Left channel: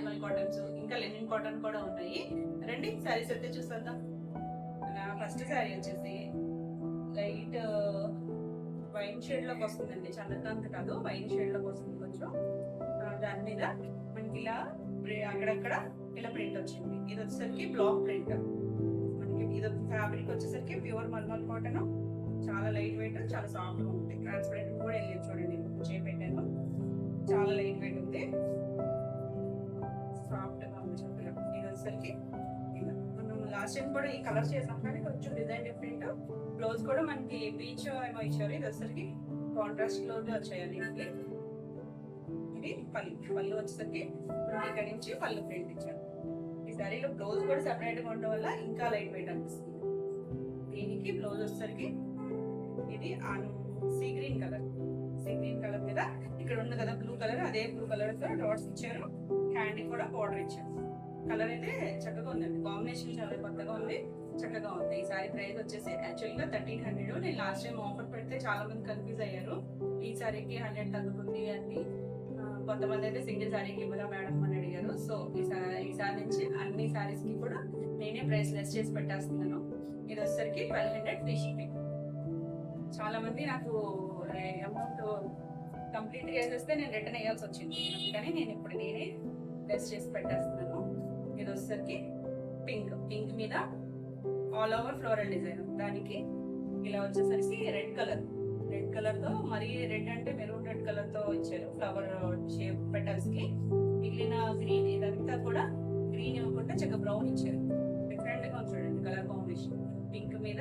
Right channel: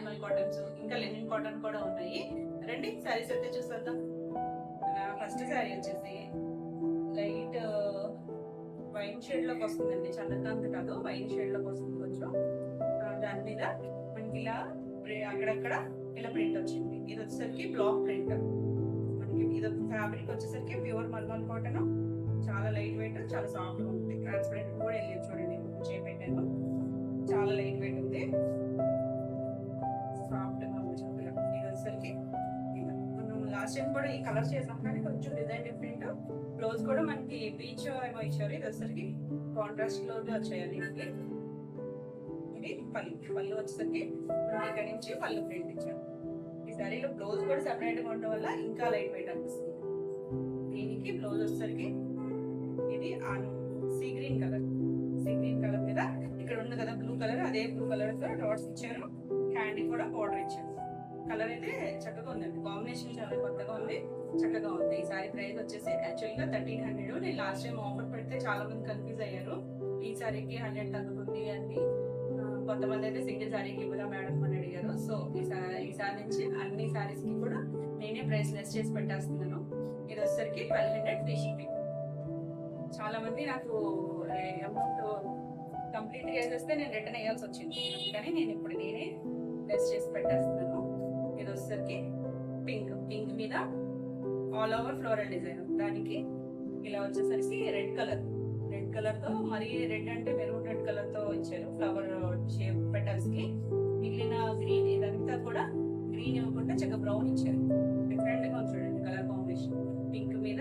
Mulmul cottons, ఇంకా linen cotton కూడా ఉన్నాయి. రండి శారీస్ అయితే చూసేద్దాం. ఫస్ట్ శారీ వచ్చేసి లైట్ వైన్ షేడ్ లోకి వస్తుందండి, చంద్రకాంత్ కాదు, వైన్ షేడ్ లోకి వస్తుంది కొంచెం. దాని మీద మనకి ఇలా అక్కడక్కడ ఇలా ప్రింట్ వచ్చింది. ఇది వచ్చేసరికి బ్లాక్ ప్రింట్. మనకి ఇది ఫ్యాబ్రిక్ వచ్చేసరికి ప్యూర్ మల్మల్ కాటన్, చాలా లైట్ వెయిట్, చాలా సాఫ్ట్ గా ఉంటుంది. ట్రాన్స్పరెంట్ కూడా వెళ్ళి చూడండి, చేపెట్టాను, చాలా లైట్ వెయిట్ ఉంది, సాఫ్ట్ గా ఉంది చక్కగా. ఇది వచ్చేసరికి మనం లాస్ట్ టైం కూడా ఈ కలర్ చేసాం కానీ కొంచెం డిజైన్ డిఫరెంట్. బ్లౌజ్ కూడా మనకి పీచ్ ఏమో ఇచ్చారు. ఇది వచ్చేసరికి కాంట్రాస్ట్ బ్లౌజ్ వచ్చాయండి. ఇది పళ్ళు వచ్చేసరికి ఇక్కడ నుంచి పళ్ళు ప్రింట్ ఇచ్చారు. ఈ శారీలో బ్లౌజ్ కూడా సెపరేట్ గా ఉండడం వల్ల ఇంకా లైట్ వెయిట్ అనిపిస్తుంది. దీనికి బ్లౌజ్ వచ్చేసరికి ఇది సీ గ్రీన్ కలర్ మీద ఇక్కడ ఉంది కదా బ్లూ కలర్, అదే బ్లూ కలర్ తో డాట్స్ ఇచ్చారు. హ్యాండ్ కూడా బార్డర్ ఇచ్చారు. కలర్ అయితే చక్కగా ఉందండి, కాంబినేషన్ చాలా కొత్తగా ఉంది, చక్కగా ఉంది. ఈ సారీ ప్రైస్ వచ్చేసి యాక్చువల్గా 1300. నేను లాస్ట్ టైం ఆఫర్ పెడితే చాలా మంది కన్ఫ్యూజ్ అయ్యారు, ఈ సారీకి 100 తగ్గుతుంది అని. కొంతమంది అయితే సింగిల్ సారీకి ఇవ్వదా మేడం అని అడిగారు. సో ఈ సారీ నుంచి అన్ని సారీస్ కి కూడా నేనే ప్రైస్ లెస్ చేసి పెట్టేస్తున్నాను. ఇది వచ్చేసరికి 1200 ఫ్రీ షిప్పింగ్. చాలా మంది నాకు అమౌంట్ కంప్లీట్ చేసేస్తే నేను రిటర్న్ వేయాల్సి వచ్చింది, అందుకని నేను ఇప్పుడు నేనే లెస్ చేసి పెట్టేస్తున్నాను. ఇది వచ్చేసరికి పింక్ మీద ఆల్ ఓవర్ ఫ్లోరల్ డిజైన్. దానికి ఇలా వచ్చేసరికి రెడ్ కలర్ తో, మరి రెడ్ అంటే మెరూన్ రెడ్ కలర్ తో ఇచ్చారు ఫ్లవర్ షేప్ పెటల్స్ కి. మిగిలిన గ్రీన్ ఇదంతా కూడా గ్రీన్ ఇవ్వకుండా చక్కగా బ్రౌన్ ఇచ్చారు. డిఫరెంట్ గా చూడండి కలర్ కాంబినేషన్. పింక్ మీద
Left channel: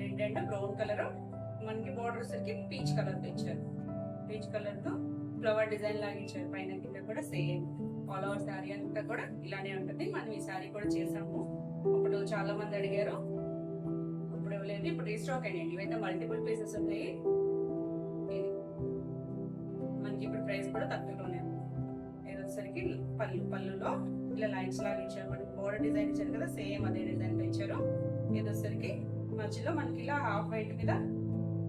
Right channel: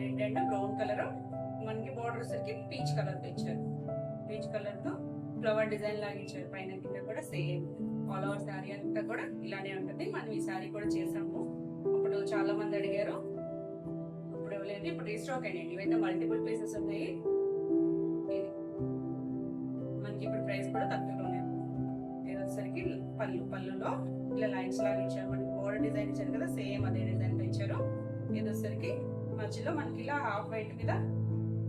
రెడ్ అండ్ బ్రౌన్ కలర్. మనకి బార్డర్ వచ్చేసరికి పీచ్ కలర్ తో ఇచ్చారు. పీచ్ కలర్ తో ఫ్లవర్ డిజైన్ లాగా ఇచ్చారు. పైన కింద కూడా సేమ్ ఆల్ ఓవర్ శారీ అంతా కూడా ఇలానే ఉంటుంది. మనం ఈ శారీ కూడా చేసాము, అప్పుడు చాలా మంది అడిగారు, అప్పుడు ఇవ్వలేదు, ఇప్పుడు రీస్టాక్ అయ్యండి. ఇవైతే మల్టిపుల్ పీసెస్ ఉన్నాయి. మనకి ఇప్పుడు ప్రైస్ కూడా తక్కువలోనే ఉంది. ఇది వచ్చేసరికి పళ్ళులో ఇలా లైన్స్ లాగా ఇచ్చారు. మనకి బోర్డర్ డిజైన్ ఇచ్చారు కదా, సేమ్ అదే డిజైన్ తో ఇచ్చారు. ఇది వచ్చేసరికి మధ్యలో మనకి ఇలా హాఫ్ వైట్ మీద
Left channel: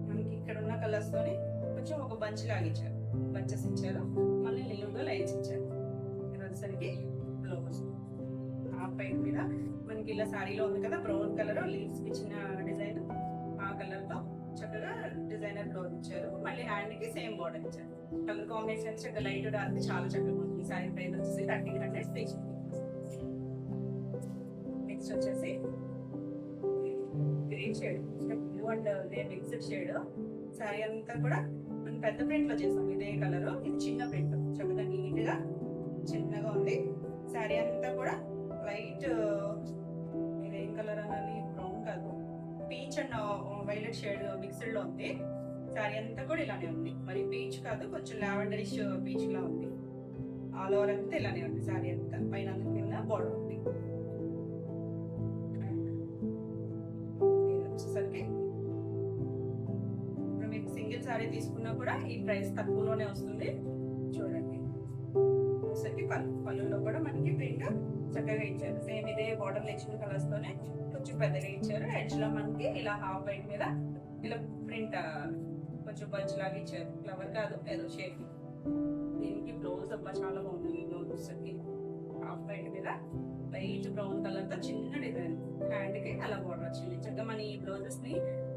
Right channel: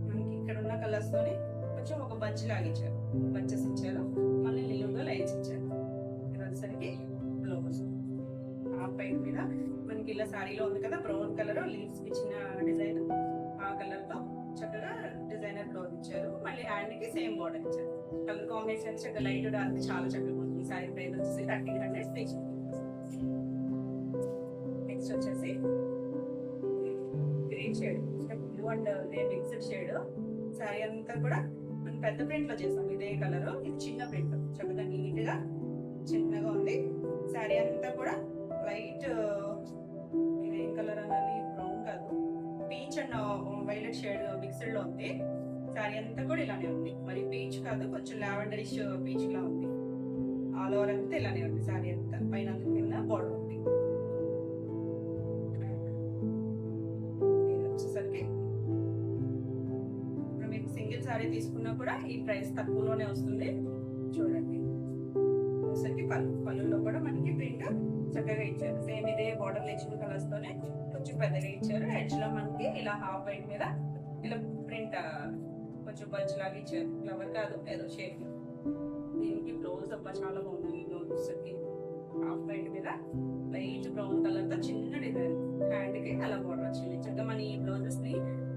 మనకి ఇక్కడ ఉన్న కలర్స్ తోని కొంచెం ఒక బంచ్ లాగా ఇచ్చారు, బంచెస్ ఇచ్చారు. మళ్ళీ నిలువుగా లైన్స్ ఇచ్చారు. ఇది వచ్చేసరికి బ్లౌజ్ హాఫ్ వైట్ మీద మనకి ఇలా శారీలో ఉంది కదా బ్రౌన్ కలర్ లీవ్స్ ఇచ్చిన డిజైన్, ఆ కలర్ తో చక్కగా డిజైనర్ బ్లౌజ్ ఇచ్చారు. మళ్ళీ హ్యాండ్ కి సేమ్ బార్డర్ ఇచ్చారు. కలర్ కాంబినేషన్ చక్కగా లైట్ డార్క్ చాలా చక్కగా ఉంది. శారీ ప్రైస్ వచ్చేసి 1300 స్పెషల్. నెక్స్ట్ వచ్చేసి green shade, blue and mixed shade. Sari అంతా కూడా మనం పెద్ద ప్రింట్ లో చేసాం. ఇదే కలర్, ఇది చిన్న ప్రింట్, చక్కగా నీట్ గా చిన్నగా ఉంది. శారీ అంతా కూడా లైట్ ఇదేం కలర్ అనాలి, బ్రౌన్ కాదు, peach and violet shade mixed లో ఉంది. శారీ అంతా కూడా ఇలానే ఉంది, మరి పీచ్ కాదు, కొంచెం లావెండరిష్ పీచ్ లా ఉంది. ఆల్ ఓవర్ అంతా ఇలానే ఉంది. శారీ అంతా పైన కింద బోర్డర్ ఉంది. వచ్చేసరికి ఇప్పుడు మీకు సింగిల్ శారీ తీసుకున్నా కూడా ఈ ప్రైస్ తక్కువలోనే వస్తుంది. చూడండి వచ్చేసరికి పళ్ళులో కూడా మనకి ప్రింట్ చక్కగా ఇచ్చారు. సేమ్ ఇదే బార్డర్ ఇచ్చిన కలర్స్ తోనే కొంచెం పెద్దగా ఇచ్చారు. ఎడ్జ్ లో మనకి ఇలా హాఫ్ వైట్ మీద ఇలా ప్రింట్ కొంచెం బంచ్ లాగా ఇచ్చారు. ఫ్లవర్ కాదు, ఏదో షేప్. దీనికి బ్లౌజ్ అబ్బా చాలా బాగుంది. బ్లౌజ్ వచ్చేసరికి హాఫ్ వైట్ మీద లైట్ బ్రౌన్ కలర్ తో చిన్న డిజైన్. హ్యాండ్ కి అలా బోర్డర్ వచ్చింది. చక్కగా మన ఈ బ్లౌజెస్ ని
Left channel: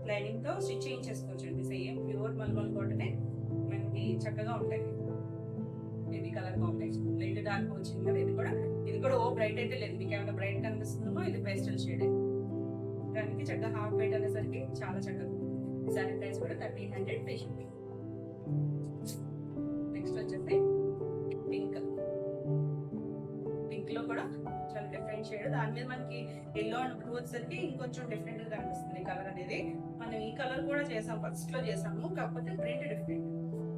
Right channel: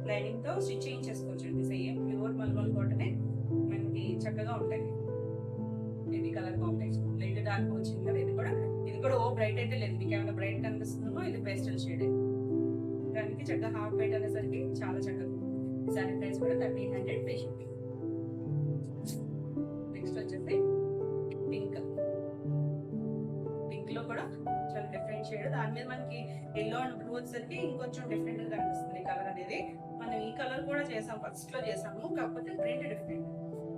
లైనింగ్ తో స్టిచ్ చేయించేసుకోవచ్చండి. సేమ్ ప్యూర్ మల్మల్ కాటనే మనకి చక్కగా ఉంటాయి. ఇది కలర్ కాంబినేషన్ లైట్ డార్క్ వచ్చింది కదా. ఇది కూడా ఓ బ్రైట్ అయితే లేదు, మీకు ఏమైనా బ్రైట్ కనిపిస్తుందో ఇది పేస్టల్ షేడ్. దానికి చక్కగా హాఫ్ వైట్ అనేసరికి చాలా చక్కగా. శారీ ప్రైస్ కూడా 1300 ఫ్రీ షిప్పింగ్. నెక్స్ట్ వచ్చేసి పింక్ లో కూడా చాలా డిఫరెంట్ షేడ్. దాని మీద మనకి ఎల్లో అండ్ బ్లూ వచ్చేసరికి ఇంకొంచెం డిఫరెంట్ గా కనిపిస్తుంది కలర్ అనేది. మనం ఈ కలర్ కూడా చేసాం, ఫస్ట్ లో చేసాము, కాకపోతే ప్రింట్ డిఫరెంట్.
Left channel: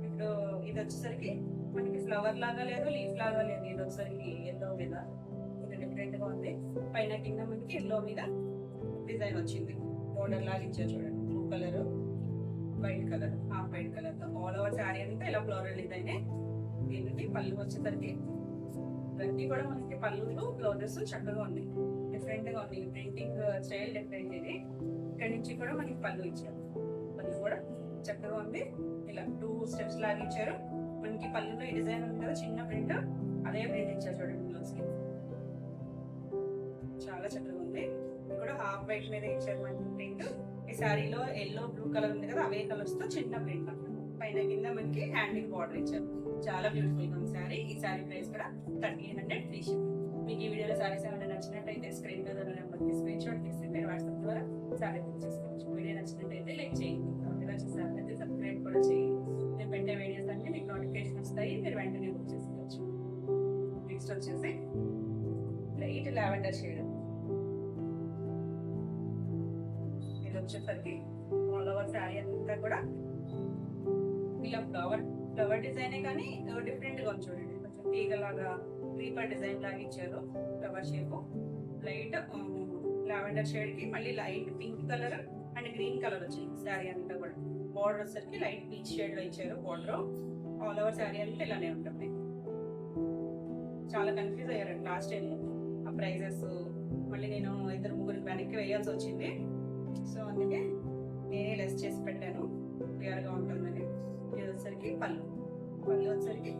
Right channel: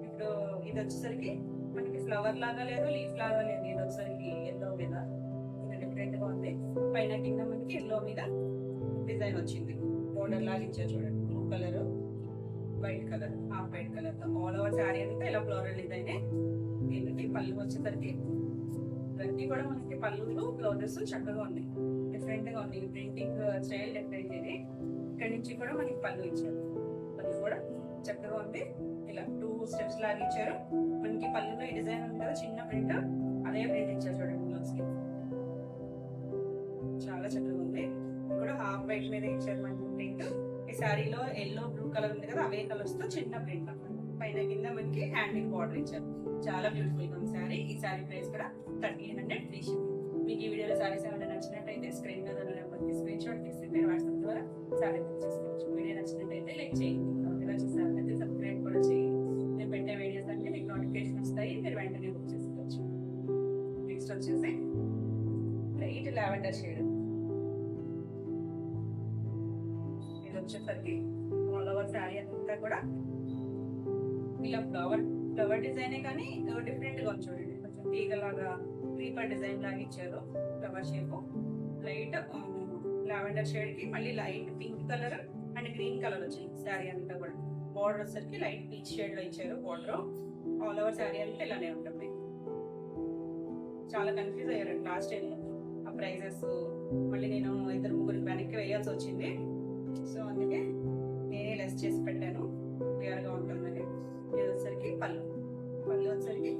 ఇప్పుడు ఇది వచ్చేసరికి మనకి ఫ్లవర్ లాగా లేదు, లీఫ్ లాగా లేదు. ఇది వచ్చేసరికి ఎల్లో మీద ఇది డిఫరెంట్ గా ఉంది. పైన కింద మనకి ఎల్లో మీద డిజైన్ వచ్చింది, బోర్డర్ లాగా ఇచ్చారు. చూడండి blue colour, white colour, half white colour తో ఆల్ ఓవర్ శారీ అంతా ఇలా ఫ్లోరల్ డిజైన్. దీనికి పళ్ళు వచ్చేసరికి ఇవన్నీ కూడా మనకి పళ్ళులు బ్లౌజెస్ చక్కగా ఉన్నాయి, డిఫరెంట్ గా ఉంది. Printing style different. ఇది ఇక్కడ నుంచి కూడా మనకి పళ్ళు ఇచ్చారు. పళ్ళు కూడా చక్కగా ఉంది. ఇలా 2 స్టెప్స్ లాగా ఇచ్చారు. మనకి పళ్ళులో ఈ డిజైన్ ఉంది కదా చిన్న ప్రింట్, అదే ప్రింట్ ఇచ్చారు చూడండి బ్లౌజ్ కి, చాలా చక్కగా ఉంది. ఇక్కడ హాఫ్ వైట్ మీద ఇచ్చారు మనకి ప్రింట్. ఈ శారీలో ఎల్లో బ్లూ కలర్ ఉంది కదా, అవే కలర్స్ తో చిన్న ప్రింట్ పైన కింద మనకి హ్యాండింగ్ బార్డర్ ఇచ్చారు. చాలా బ్యూటిఫుల్ గా ఉంది శారీ. ఈ శారీ ప్రైస్ కూడా 1300 ఫ్రీ షిప్పింగ్. మీకు ఈ వీడియోలో శారీస్ ఏమైనా నచ్చినట్టయితే స్క్రీన్ మీద ఉన్న నెంబర్కి స్క్రీన్ షాట్ తీసి మీరు వాట్సాప్ ద్వారా శారీ బుక్ చేసుకోవచ్చు. వీడియో నచ్చినట్టయితే లైక్ చేయండి, ఇలా చూసారైతే సబ్స్క్రైబ్ కూడా చేయండి. నేను పెట్టే వీడియోస్ అన్ని మీకు నోటిఫికేషన్ వస్తాయి, మీరు వెంటనే బుక్ చేసుకోవచ్చు. నెక్స్ట్ వచ్చేసి లైట్ లావెండర్ షేడ్. ఇది వచ్చేసరికి ఆల్ ఓవర్ శారీ అంతా కూడా ఇలా ఫ్లవర్ డిజైనే కానీ డిఫరెంట్ గా చూడండి. కొంచెం తీగలాగా క్రీపర్ డిజైన్ లాగా ఇచ్చారు. Flower shape light lavender shade కి మళ్ళీ light pink colour and green colour వచ్చింది శారీ అంతా కూడా. బార్డర్ వచ్చేసరికి లైట్ పీచ్ షేడ్ లో ఇచ్చారు బార్డర్. ఆల్ ఓవర్ శారీ అంతా ఇలానే ఉంటుంది. చాలా కన్ఫ్యూజ్ అయ్యారండి లాస్ట్ టైం ఆ ప్రైజెస్. మళ్ళీ నేను 2-3 వెనక్కి వేయాల్సి వచ్చింది. సో అందుకే నేనే లెస్ చేసి పెట్టాను, క్లియర్ గా ఉంటుందని. ఇది వచ్చేసరికి పళ్ళు వచ్చేసరికి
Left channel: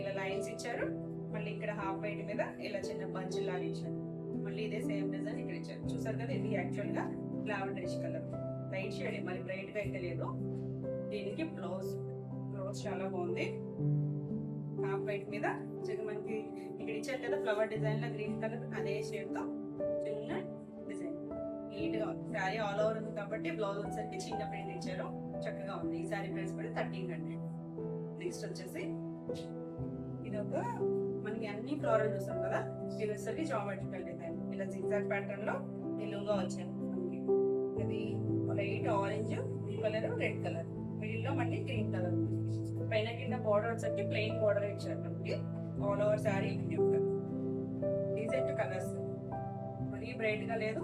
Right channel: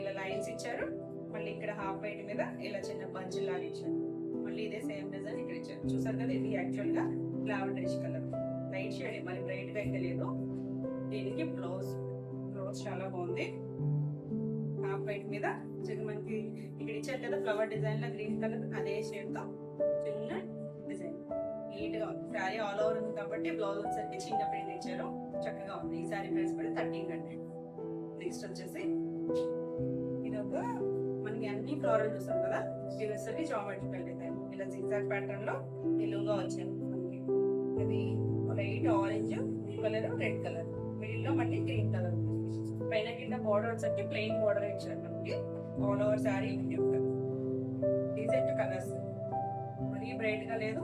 ఇలా లైన్స్ ఇచ్చారు. మళ్ళీ ఇక్కడ హాఫ్ వైట్ మీద ఇలా చిన్న బంచ్ లాగా ఇచ్చారు. మళ్ళీ ఇదే సేమ్ డిజైన్ ఇక్కడ ఇచ్చారు. చూసారు కదా, ఇది యాక్చువల్ గా లావెండరిష్ కలర్, లైట్ షేడ్, మరి బ్రైట్ గా అయితే లేదు. దీనికి బ్లౌజ్ చాలా బాగుంది. హాఫ్ వైట్ మీద మనకి ఇక్కడ ఇచ్చారు కదా ఫ్లవర్ డిజైన్ లో గ్రీన్ కలర్, అదే షేడ్ తో చిన్న డిజైన్ నీట్ గా ఉంది. శారీ ఆల్ ఓవర్ ఉంది కాబట్టి బ్లౌజ్ వచ్చేసరికి చిన్న ప్రింట్ ఇచ్చారు, చక్కగా ఉంది. ఈ శారీ ప్రైస్ కూడా 1300. నెక్స్ట్ వచ్చేసి ఇది ఒక మనకి అన్ని ఫ్లోరల్ చూస్తాం కదా, ఇది వచ్చేసరికి జామెట్రికల్ డిజైన్. ఇలా జిగ్జాగ్ ప్యాటర్న్ లో నిలువుగా వచ్చాయి మనకి. ఇది light orange, blue colour, red colour, middle లో మళ్ళీ గ్రీన్ కలర్. పైన కింద బార్డర్ వచ్చేసరికి ప్లెయిన్ బార్డర్ ఇచ్చారు మనకి. All over sari decent colours, మరీ బ్రైట్ గా లేదు.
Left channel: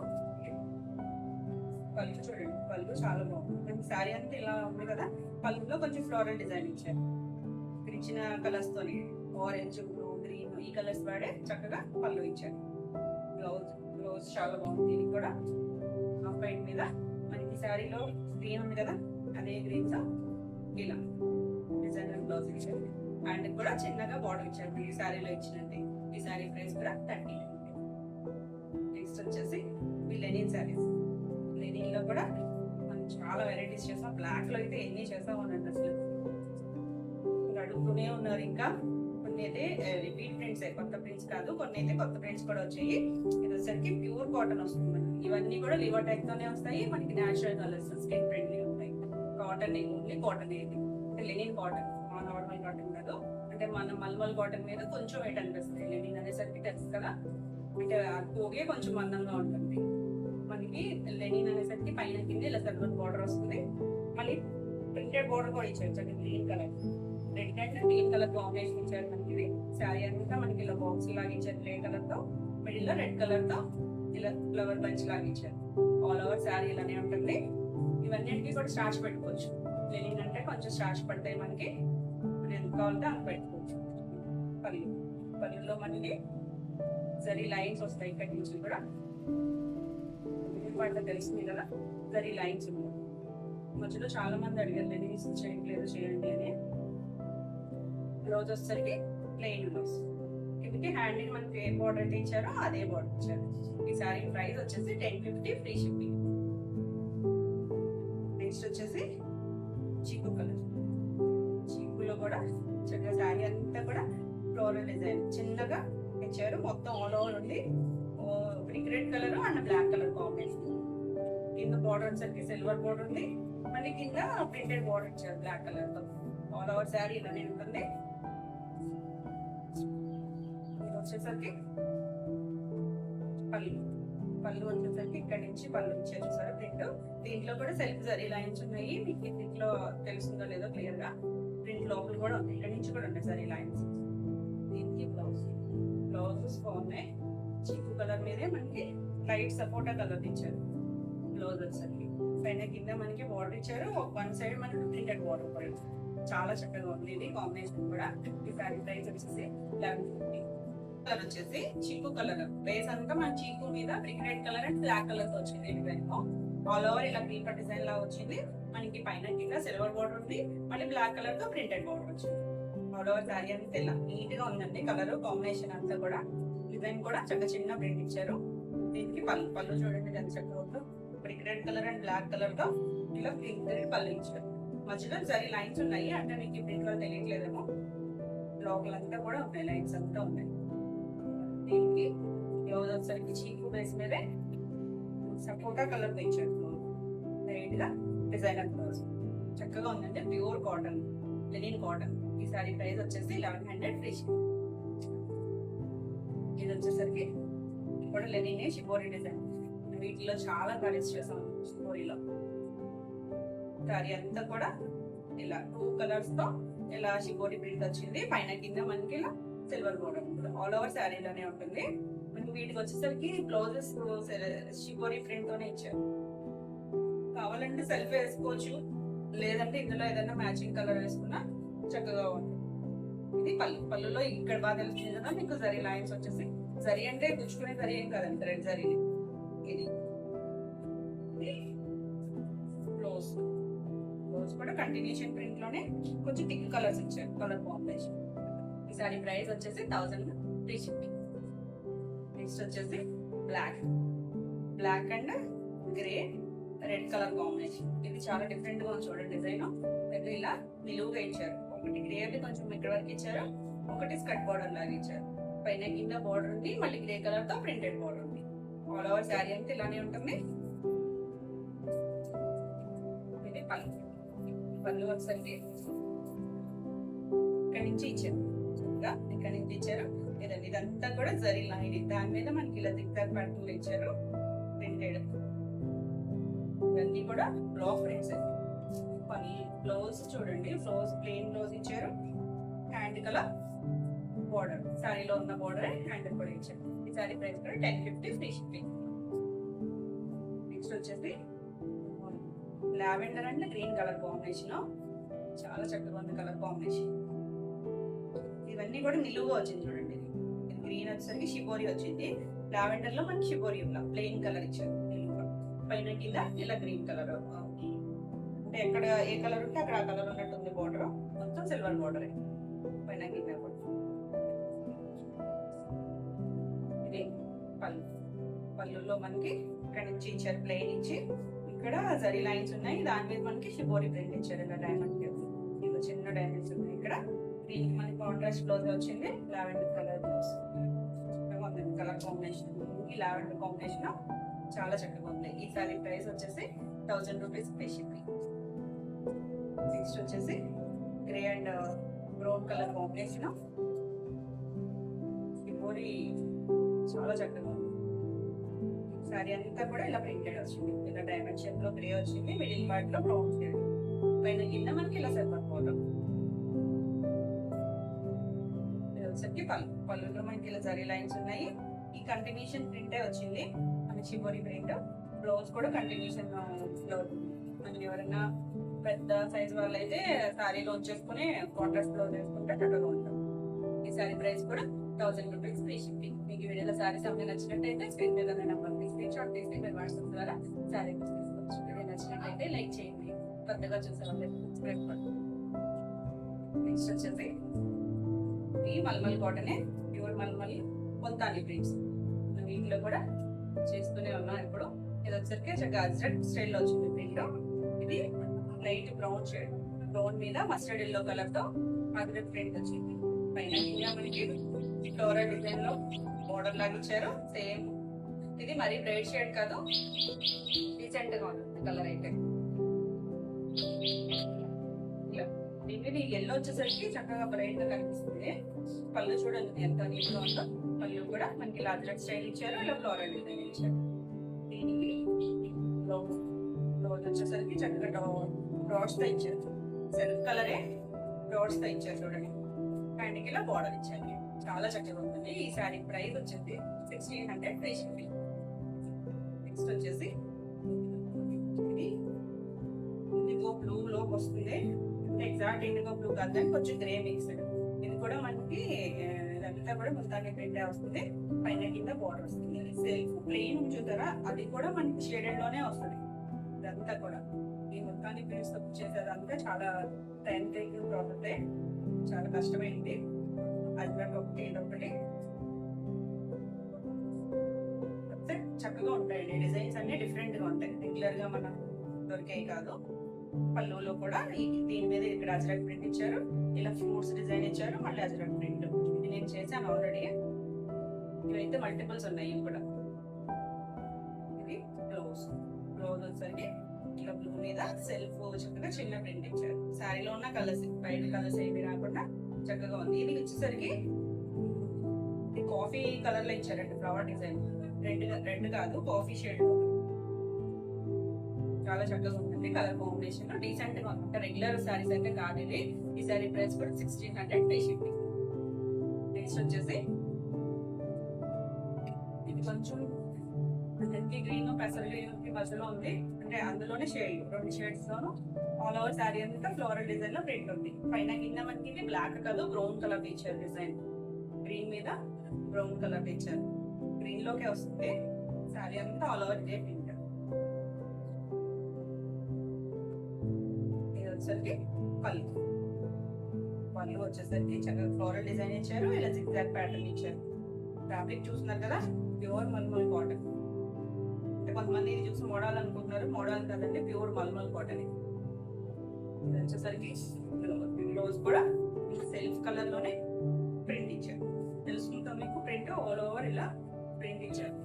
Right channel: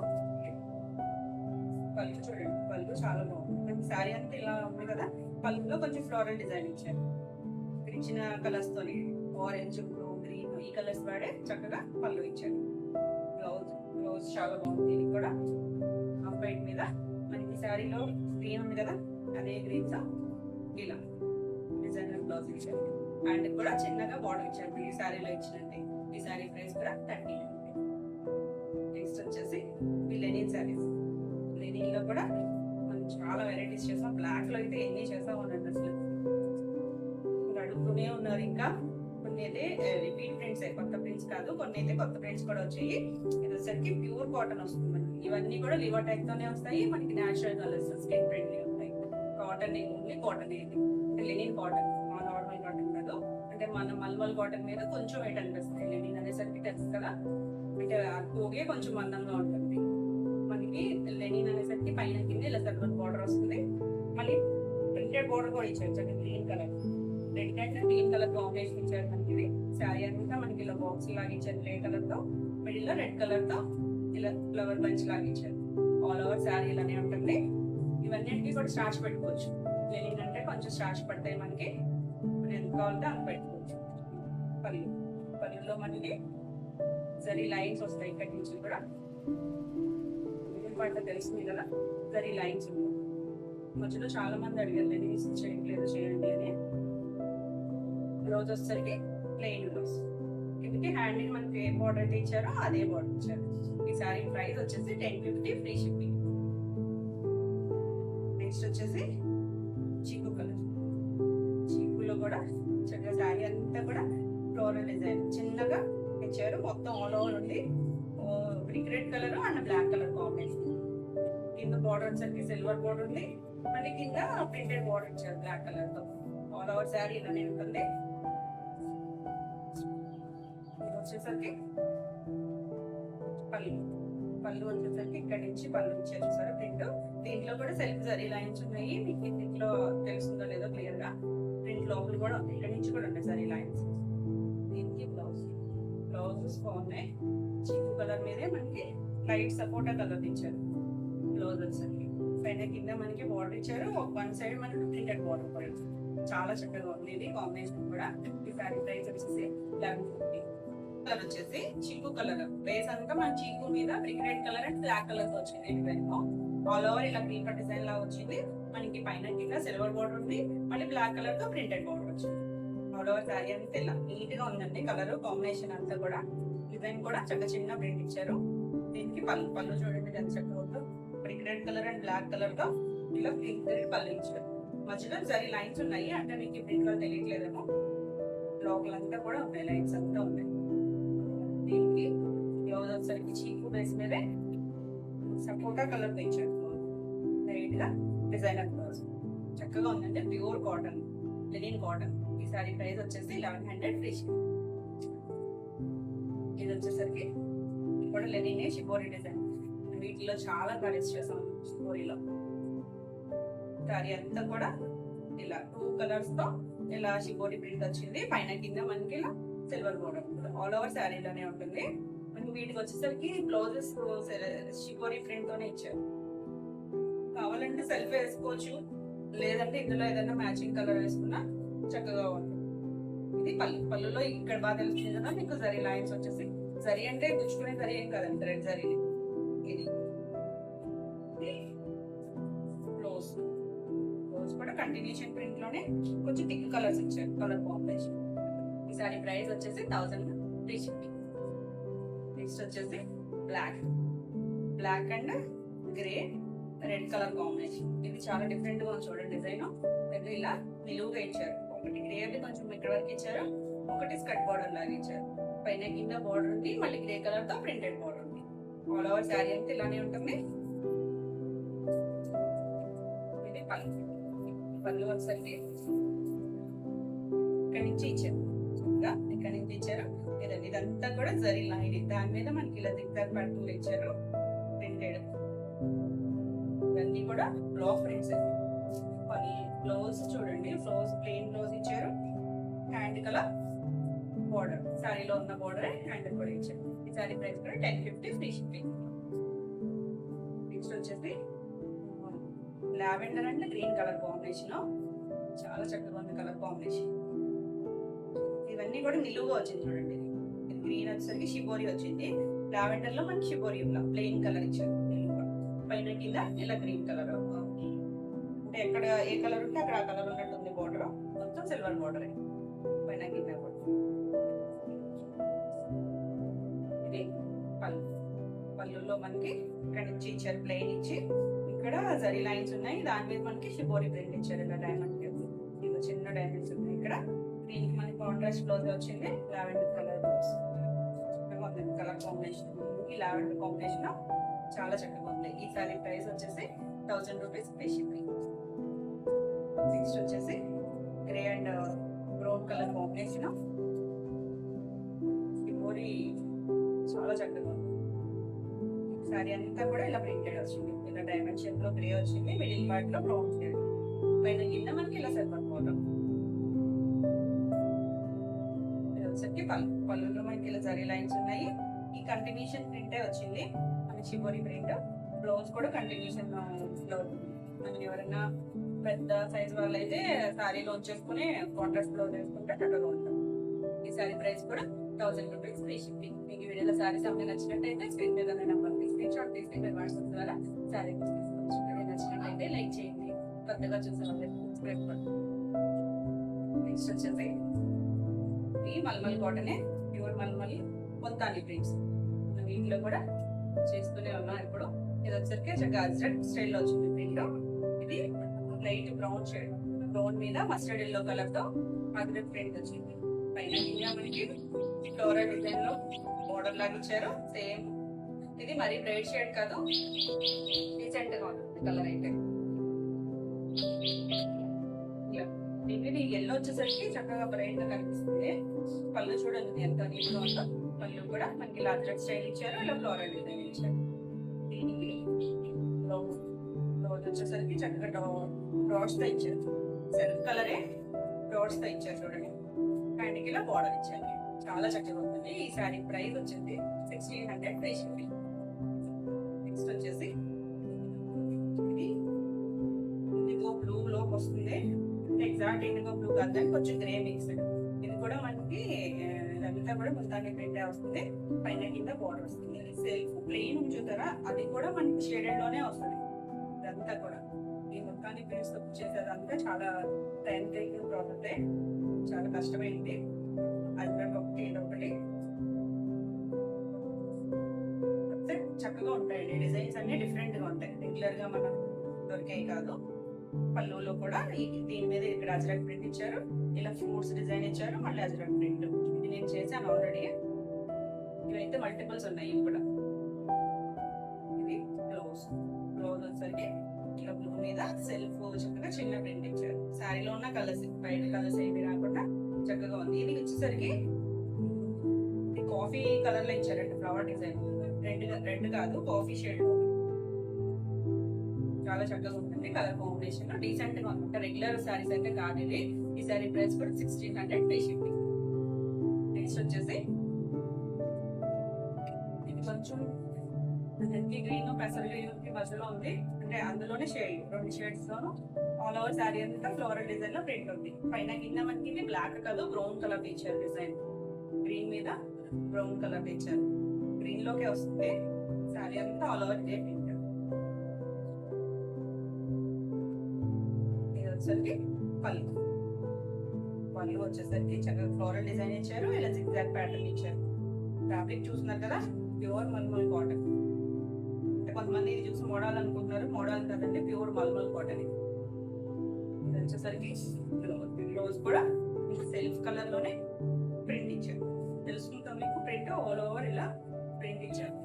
పళ్ళు చూడండి, పళ్ళు చాలా బాగుంది. శారీ అంతా ఇలా ఉంది కదా, పళ్ళులో కొంచెం ఫ్లోరల్ డిజైన్ ఇచ్చారు. ఇక్కడ ఇచ్చిన కలర్స్ తోని ఆరెంజ్, బ్లూ, గ్రీన్ ఈ కలర్స్ వాడే చక్కగా పళ్ళు ఇచ్చారు. బ్లౌజ్ చాలా బాగుంది. దీనికి కూడా హాఫ్ వైట్ మీద మనకి శారీలో గ్రీన్ ఉంది కదా, అదే గ్రీన్ తో ఇలా డిజైనర్ బ్లౌజ్ ఇచ్చారు. అండ్ కూడా చిన్నగా బార్డర్ ఇచ్చారు ఈ శారీలో ఇచ్చినట్టు. ఈ శారీ ప్రైస్ కూడా 1300. నెక్స్ట్ వచ్చేసి ఈ లెనిన్ శారీస్. లెనిన్ లో కూడా మనం చాలా వెరైటీస్ చేసాం. బ్లాక్ లో అయితే ఎన్ని చేసాం అన్నట్టు అసలు అడుగుతూనే ఉన్నారు. ఇంకా కొన్ని అయితే రిపీట్ ప్రింట్స్, కొత్త ప్రింట్స్ కాదు, కొన్ని అయితే కొత్త ప్రింట్స్ కూడా వచ్చాయి. ఇది వచ్చేసరికి ప్యూర్ కాటన్ వస్తుంది. ఇవన్నీ కూడా లివర్ టైప్ తోనే వస్తాయి. మనకి న్యాచురల్ కలర్స్, స్కిన్ ప్రింట్ ఉంటాయి. కాటన్ ఓన్లీ కాటన్ ఇది, లెనిన్ కాటన్, నార్మల్ కాటన్ కాదు. అంటే మన మల్మల్ కాటన్ మీద కొంచెం వెయిట్ అనిపిస్తాయి. లెనిన్ అనేసరికి తెలుసు కదా, అంటే పోగే కొంచెం మందంగా ఉంటుంది. మనకి లెనిన్ అనేసరికి పైన కింద ఇలా సిల్వర్ బార్డర్ వస్తుంది. మళ్ళీ ప్రింటెడ్ బార్డర్ కూడా ఇచ్చారు, green colour, red and green colour combination ఇచ్చారు మనకి. శారీ అంతా మనకి ఇలా బాక్స్ లాగా ఇచ్చారు, గ్రే కలర్ తో, మిడిల్ లో రెడ్ కలర్ తో ఇలా ఫ్లవర్ బంచ్ లాగా ఇచ్చారు. ఆల్ ఓవర్ శారీ ఇలానే ఉంటుంది. ఇవన్నిటికీ కూడా స్టార్చ్ పెట్టుకోవచ్చు. లెనిన్ అంటే కొంచెం స్టార్చ్ పడతాయి మనకి, ఎంత కావాలంటే అంత పెట్టుకోవచ్చు. పళ్ళులో మనకి జరీ లైన్స్ వస్తాయి. ఇక్కడి నుంచి కూడా పంట తెలిసింది కదా, జరీ లైన్స్ ఉన్నాయి. మధ్యలో చాలా మంది అడిగారు లెనిన్స్ చేయట్లేదు, చేయండి అని. బ్లౌజ్ వచ్చేసరికి ప్లెయిన్ బ్లౌజ్, కిందకి హ్యాండింగ్ మనకి ఏ బార్డర్ అయితే ఇచ్చారో అదే బార్డర్ ఇచ్చారు. ఈ సారీ ప్రైస్ వచ్చేసి 1050 ఫ్రీ షిప్పింగ్. నెక్స్ట్ వచ్చేసి చీకు కలర్. చీకులో కూడా చక్కగా శారీ అంతా కూడా ఫ్లోరల్ డిజైన్ చిన్నగా ఇచ్చారు. మొత్తం ఆల్ ఓవర్ ఉంది. Brick red colour and black colour combination. కింద బార్డర్ వచ్చేసరికి సిల్వర్ బార్డర్ ఉంది. మళ్ళీ కింద ప్రింటెడ్ బార్డర్ ఇచ్చారు బ్లాక్ కలర్ తో. ఆల్ ఓవర్ శారీ ఇలానే ఉంటుంది. ఇది వచ్చేసరికి పళ్ళు వచ్చేసరికి ఇక్కడ నుంచి పళ్ళు ఇచ్చారు సార్ ప్రింట్. దీంట్లో కూడా సెల్ఫ్ జరీ లైన్స్ ఉన్నాయి. మీకు దీంట్లో తెలుస్తుందో లేదో క్లియర్ గా. ప్రింట్ లోపల కూడా ఇక్కడ నుంచి కూడా ఉన్నాయి జరీ లైన్స్. దీనికి బ్లౌజెస్ బాగున్నాయి. చీకు కలర్ మీదే మనకి లైట్ సపోటా కలర్ ఇచ్చారు. బ్లౌజ్ వచ్చేసరికి పైన కింద మనకి బార్డర్ ఇచ్చారు. వన్ సైడ్ మనకి ప్రింటెడ్ బార్డర్ కూడా చాలా చక్కగా ఉంది. ఇది కాంబినేషన్ కూడా. ఈ సారీ ప్రైస్ వచ్చేసి 1150. కలర్ వచ్చేసి చీకు కలర్. బేస్ అంతా మన చీకు మీద brick red colour and black colour తో వచ్చింది. డిజైన్ ఆల్ ఓవర్ ఇలా క్రీపర్ డిజైన్ లా వచ్చింది. మనకి పైన కింద సిల్వర్ బార్డర్ ఉంది. మళ్ళీ బ్లాక్ కలర్ తో ప్రింటెడ్ బార్డర్ వచ్చింది. ఆల్ ఓవర్ శారీ అంతా ఇలా నీట్ గా ఉందండి. కలర్ కాంబినేషన్ అంతా కూడా, డిజైన్ కూడా చక్కగా చిన్న ప్రింట్ ఇచ్చారు. దీనికి పళ్ళు పళ్ళు చూడండి ఎంత చక్కగా ఉందో. Brick red colour and black colour తో ఇలా పింక్ పళ్ళు ఇచ్చారు. మధ్యలో జరీ లైన్స్ ఉన్నాయి, అంటే మీకు ప్రింట్ కలర్ తెలియట్లేదేమో. లోపలంతా కూడా ఉన్నాయి, లైన్స్ అంతా ఉన్నాయి. దీనికి బ్లౌజ్ వచ్చేసరికి చీకు బేస్ మీదే సపోటా కలర్ తో ఇచ్చారు. లైట్ గా డిజైనర్ బ్లౌజ్ చక్కగా ఉందండి. Pure cotton, linen cotton. ఈ సారీ ప్రైస్ వచ్చేసి 1100 ఫ్రీ షిప్పింగ్. ఇది వచ్చేసరికి కూడా లెనిన్ షిబోరి డిజైన్. వీటిలో చాలా కలర్స్ చేసాం షిబోరిలో. సారీ అంతా కూడా ఇలా 2 కలర్స్ తో ఇలా షిబోరి ప్రింట్ వచ్చింది. పైన కింద మనకి ఇలా సిల్వర్ బోర్డర్ ఆల్ ఓవర్ శారీలోనే ఉంటుంది. మనకి వీటికి వచ్చేసరికి బ్లౌజెస్ షిబోరి ప్రింట్ తోనే ఇచ్చారు. కావాలంటే సెల్ఫ్ వేసుకోవచ్చు, లేదంటే ఇందులో ఏదైనా మ్యాచింగ్ కలర్ వేసుకున్నా చక్కగా ఉంటుంది. ఇది పళ్ళు. పళ్ళులో ఇక్కడ బాగా తెలుస్తుంది కదా మీకు, జరీ లైన్స్ వచ్చేసి. జరీ అంటే గుచ్చుకునే జరీ ఏం కాదండి, రెడ్ జరీ. ఇది బ్లౌజ్. బ్లౌజ్ కూడా కంటిన్యూషన్ ప్రింట్ లోనే కొంచెం థిక్ కలర్స్ ఇచ్చారు, కలర్ కాంబినేషన్. ఈ సారీ ప్రైస్ వచ్చేసి 1000 ఫ్రీ షిప్పింగ్. నెక్స్ట్ వచ్చేసి black. Black and grey red colour combination. ఇది చాలా డిఫరెంట్ గా ఉంది చూడండి. డిజైన్ ఇలా నిలువుగా ఇచ్చారు. ఒకటి గ్రే అది కొంచెం ఇక్కడ వరకు ఇచ్చారు, ఒకటి స్కర్ట్ బార్డర్ లాగా ఇచ్చారు. పైన కింద బార్డర్ ఉంది, మళ్ళీ గ్రే కలర్ తో ప్రింటెడ్ బార్డర్ ఉంది. ఆల్ ఓవర్ శారీ అంతా ఇలానే ఉంటుంది. ఇది పళ్ళు. పళ్ళు వచ్చేసరికి ఇక్కడ నుంచి ఇచ్చారు, చక్కగా ఇక్కడ నుంచి ఇచ్చారు. ఇదండి, ఇదంతా కూడా జరీ లైన్. దాని మీద మనకి ఇలా దిగ్దార్ పట్టు ఇచ్చారు ప్రింటెడ్. ఇవన్నీ కూడా బ్లాక్ ప్రింట్స్. బ్లౌజ్ చూడండి, బ్లౌజ్ ప్లెయిన్ బ్లౌజ్ ఇచ్చారు. హ్యాండ్ కలర్ బోర్డర్, శారీలో ఉన్న బోర్డర్ హ్యాండ్ కూడా ఇచ్చారు. ఈ శారీ ప్రైస్ కూడా 1050 ఫ్రీ షిప్పింగ్. నెక్స్ట్ వచ్చేసి lavender and green colour combination. చాలా చక్కగా ఉంది కలర్ కాంబినేషన్. ఇవన్నీ కూడా నిలువుగా వచ్చింది చూడండి. గ్రీన్ వచ్చేసరికి షిబోరి వచ్చింది. లావెండర్ లో మనకి షిబోరి ప్లెయిన్ కలర్ ఇచ్చారు నిలువుగా. పైన కింద ఇలా గ్రీన్ కలర్, అంటే ఎక్కడ ఏ కలర్ ఉంటే అక్కడ ఆ కలర్ ఉన్నట్టు ఉంది. బోర్డర్ మొత్తం సిల్వర్ బోర్డర్ పైన కింద కూడా. ఇది పళ్ళు. పళ్ళులో మనకి ఇక్కడ నుంచి ఇచ్చారు ప్లెయిన్ ఇచ్చి, ఇక్కడ జరీ లైన్స్ ఉన్నాయి. దాని మీద మనకి షిబోరి ప్రింట్ ఇచ్చారు. ఇలా డైమండ్ ఇలా చిన్న డైమండ్స్ ఉన్నాయి ఇక్కడ. దీనికి మనకి కాంట్రాస్ట్ బ్లౌజ్ వచ్చింది, lavender colour blouse. Colour combination, ఈ లావెండర్ కాంబినేషన్ చాలా చక్కగా ఉంది. ఈ సారీ ప్రైస్ వచ్చేసి 1000 రూపీస్ ఫ్రీ షిప్పింగ్. నెక్స్ట్ వచ్చేసి grey and brown colour combination. Shibori చాలా చక్కగా ఉంది. సారీ అంతా కూడా ఇలా ప్రింటెడ్ వచ్చింది. ఇలా డైమండ్ షేప్ లో గ్రే వచ్చింది, మిడిల్ పార్ట్ లో బ్రౌన్ షేడ్, పైన కింద మనకి ఇలా సిల్వర్ బోర్డర్. వచ్చేసరికి పళ్ళు. పళ్ళులో మనకి ఇలా జరీ లైన్స్ ఉన్నాయి. ఈ కంటిన్యూషన్ ప్రింటే వచ్చింది మనకి షిబోరి ప్రింట్. బ్లౌజ్ కూడా కంటిన్యూషన్ బ్లౌజ్. మనం ఎవరైనా పెద్ద సైజ్ వాళ్ళు అయితే శారీలో వచ్చేసుకుని కాంట్రాస్ట్ బ్లౌజ్ వేసుకుంటే చక్కగా ఉంటాం. ఈ శారీ ప్రైస్ కూడా 1000 రూపీస్ ఫ్రీ షిప్పింగ్. మీకు ఈ వీడియోలో శారీస్ అన్నీ నచ్చినట్టయితే స్క్రీన్ మీద నెంబర్కి స్క్రీన్ షాట్ తీసి మీరు వాట్సాప్ ద్వారా శారీ తీసుకోవచ్చు. వీడియో నచ్చినట్టయితే లైక్ చేయండి, కొత్తగా చూసే వాళ్ళకి సబ్స్క్రైబ్ చేయండి. నెక్స్ట్ వచ్చేసి ఈ మల్మల్ కాటనే, ప్యూర్ మల్మల్ పొంతాని ప్రింట్స్. మనం వీటిలో కూడా చేస్తూనే ఉన్నాం ఇప్పుడు. ఇది వచ్చరికి చక్కగా అజ్రక్ స్టైల్లో వచ్చింది ప్రింట్. ఇది లైట్ బ్రౌన్ షేడ్, బ్రౌన్ మీద మస్టర్డ్ ఎల్లో కలర్ తో అజ్రక్ ప్రింట్ వచ్చింది. పైన మనకి ఫ్లోరల్ డిజైన్ లో బోర్డర్ లాగా ఇచ్చారు. సేమ్ ఇది మరీ బ్రైట్ షేడ్ కాదు, డీసెంట్ గా ఉంటుంది కలర్ అయితే. దీనికి ఎల్లో వచ్చేసరికి చక్కగా బ్రైట్ గా కనిపిస్తుంది. పళ్ళు చూడండి ఎంత నీట్ గా ఉందో. పళ్ళు కూడా మనకి ఇలా అజ్రక్ స్టైల్ ఇచ్చారు, ఇలా ఫ్లోరల్ డిజైన్ ఇచ్చారు. దీనికి బ్లౌజ్ వచ్చేసరికి చక్కగా డాట్స్ తో ఇచ్చారు. సెల్ఫ్ కలరే డాట్స్ తో ఇచ్చారు చూడండి. హ్యాండ్కి ఇలా బార్డర్ ఇచ్చారు. చాలా చక్కగా ఉంటుంది. ఈ శారీ ప్రైస్ వచ్చేసి 1600 ఫ్రీ షిప్పింగ్. నెక్స్ట్ వచ్చేసి ఇది ఇండిగో బ్లూ లోకి వస్తుంది. ఎగ్జాక్ట్ ఇండిగో బ్లూ కాదు కానీ కొంచెం గ్రే మిక్స్. ఇది కూడా మనకి ఇదంతా కూడా మొత్తాన్ని ప్రింట్ వస్తుంది. పైన కింద బార్డర్ వస్తుంది. సెల్ఫ్ ప్లెయిన్ చూస్తారా, అది కూడా మనకి షేడెడ్ లోనే వస్తుంది. ఇదంతా కూడా ఈ మొత్తాన్ని ప్రింట్స్ చేసేదంతా చాలా టైం టేకింగ్ ప్రాసెస్, చాలా కష్టమైంది. అజ్రక్ ఒకటి ఇదొకటి చక్కగా ఉంటాయండి. డిజైన్స్ అన్ని డిఫరెంట్ గా ఉంటాయి, రెగ్యులర్ గా మనం దొరికాయి కాదు. పళ్ళులో కూడా దీని మీద ఇక్కడ అజ్రక్ ప్రింట్ ఇచ్చారు, ఇలా ఫ్రూట్స్ డిజైన్ ఇచ్చారు, మళ్ళీ అజ్రక్ ప్రింట్. ఇది నేను చేశాను ఆల్రెడీ. ఇవైతే మల్టిపుల్స్ ఉన్నాయి కూడా. ఇది బ్లౌజ్ వచ్చేసరికి ఇలా బ్లూ మీద సెల్ఫ్ చక్కగా చిన్న ప్రింట్ ఇచ్చారు. శారీలో ఉన్న కలర్స్, బయట కలర్స్ ఏమి రాకుండా చక్కగా ఉంది. ఇది వచ్చేసరికి కాఫీ కలర్ లో ఇచ్చారండి, ఫ్లవర్ డిజైన్. రెడ్ కాదు, కాఫీ షేడ్ లో. చాలా చక్కగా ఉంటుంది కలర్ కాంబినేషన్, డీసెంట్ గా ఉంటుంది. రెగ్యులర్ శారీస్ అయితే కాదు ఇది. ఈ శారీ ప్రైస్ కూడా 1600 ఫ్రీ షిప్పింగ్. నెక్స్ట్ వచ్చేసి ఇది కొంచెం గ్రీన్ పెసర్ గ్రీన్ మధ్యలో ఉంది, అంటే అందులోనే షేడ్, 2 షేడ్స్ లోను ఆల్ ఓవర్ శారీ అంతా ఫ్లోరల్ డిజైన్ లో ప్రింట్ ఉంది. పైన కింద మనకి ఇది బ్లాక్ కాదు, బ్రౌన్ కలర్ ఇచ్చారు డిజైన్. గ్రీన్ మీద బ్రౌన్ కలర్ ఇచ్చారు, గ్రీన్ లోకే వస్తుంది శారీ అంతా ఆల్ ఓవర్ ఇదే ప్రింట్. ఇది వచ్చేసరికి పళ్ళు వచ్చేసరికి చక్కగా ఫ్లోరల్ డిజైన్ ఇచ్చారు, ఇలా జిగ్జాగ్ ప్యాటర్న్ ఇచ్చారు. ఫ్యాబ్రిక్ చూస్తున్నారు కదా, ప్యూర్ మల్మల్ కాటన్. అంటే కొంతమంది ఇది చూసి మోడల్ అనుకుంటున్నారు, మోడల్ కదండి, ప్యూర్ మల్మల్ కాటన్. ఇది వచ్చేసరికి బ్లౌజ్ కూడా సెల్ఫ్ కలర్ లోనే ప్రింట్ ఇచ్చారు. తెలుసుకుంటాం మీకు, ప్రింట్ ఆల్ ఓవర్ ఇలా ప్రింట్ ఇచ్చారు,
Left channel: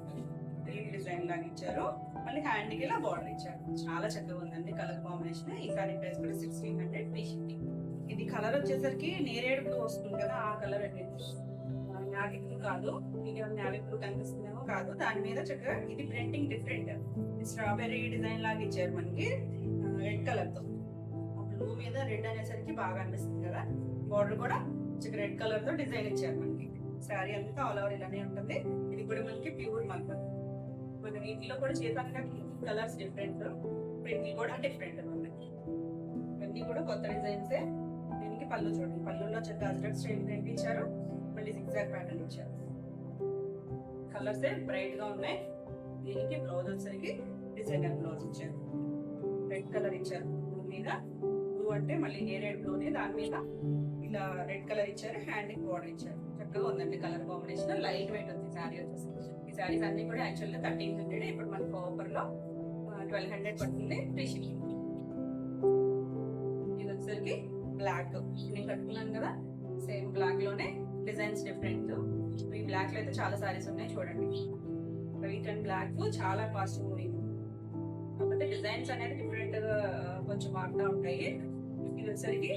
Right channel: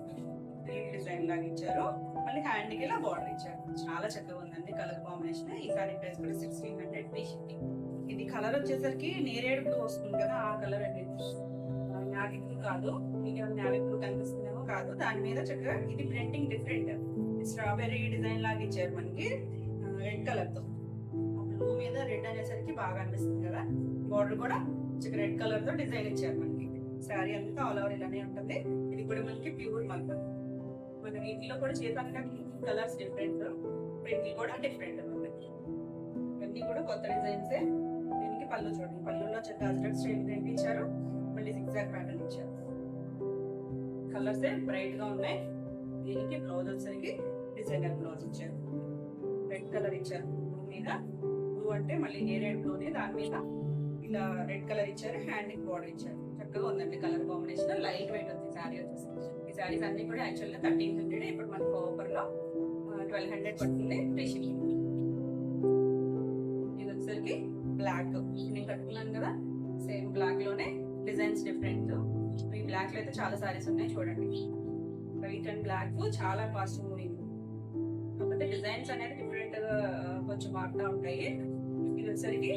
డిజైన్ లాగా ఇచ్చారు. మళ్ళీ హ్యాండ్ కి ఇలా బార్డర్ ఇచ్చారు. చాలా చక్కగా ఉందండి కలర్ కాంబినేషన్. ఈ సారీ ప్రైస్ కూడా 1600 ఫ్రీ షిప్పింగ్. ఇది కలర్ వచ్చేసరికి నేరేడు బ్లూ వస్తుంది కదా, ఆ కలర్ అండి. నావీ బ్లూ కాదు, మీకు నావీ బ్లూ కనిపిస్తుందేమో కాదు. దాని మీద చక్కగా ఇది ప్రింటింగ్ డిఫరెంట్, స్ట్రాబెర్రీ డిజైన్ లాగా ఇచ్చారు మనకి రెడ్ కలర్ తో. బ్లూ మీద రెడ్ అనేసరికి బాగా అనిపిస్తుంది కదా. బార్డర్ కూడా చక్కగా రెడ్ కలర్ తో డిజైన్ ఇచ్చారు మనకి. శారీ అంతా ఆల్ ఓవర్ ఇలానే ఉంటుంది. ఇది కూడా మనకి ప్యూర్ మల్మల్. మన వీటిలో కూడా చేతాక కలర్స్ డిఫరెంట్, ప్రింట్ కూడా డిఫరెంట్ ఉంది. ఇవన్నీ కూడా కొత్త డిజైన్స్. దీనికి పళ్ళు చూడండి, పళ్ళులో చక్కగా అజ్రక్ స్టైల్ ప్రింట్ ఇచ్చారు, మళ్ళీ జిగ్జాగ్ ప్యాటర్న్ ఇచ్చారు. కలర్స్ బ్రైట్ గా ఉన్నాయి. దీనికి బ్లౌజ్ వచ్చేసరికి డిజైనర్ బ్లౌజ్ ఇచ్చారు, రెడ్ కలర్ ఇచ్చారు. బ్లూ మీద, బ్లూ అంటే మళ్ళీ నేరేడ్ బ్లూని, దాని మీద ఇలా రెడ్ కలర్ ఇచ్చారు, హ్యాండ్ కి బార్డర్ ఇచ్చారు. చక్కగా ఉందండి కలర్ కాంబినేషన్, లైట్ వెయిట్ ఉంది శారీ వచ్చేసి. ఈ శారీస్ అన్ని కూడా యాక్చువల్ గా 1300, ఇప్పుడు మనకు ఆఫర్ లో 1200 పడుతుంది ఫ్రీ షిప్పింగ్. ఇది వచ్చేసరికి బ్లాక్, నేను కట్టుకున్నాను కదా సేమ్ బ్లాక్ లోనే డిజైన్స్ డిఫరెంట్. ఈ బ్లాక్ లో అయితే చాలా సారీస్ ఉన్నాయి చూడండి. వైట్ అండ్ బ్లాక్ చాలా కాస్ట్ మూవింగ్, కాకపోతే డిజైన్స్ అనేది డిఫరెంట్ గా కొంచెం మారుతూ ఉంటాయి. ఇది వచ్చేసరికి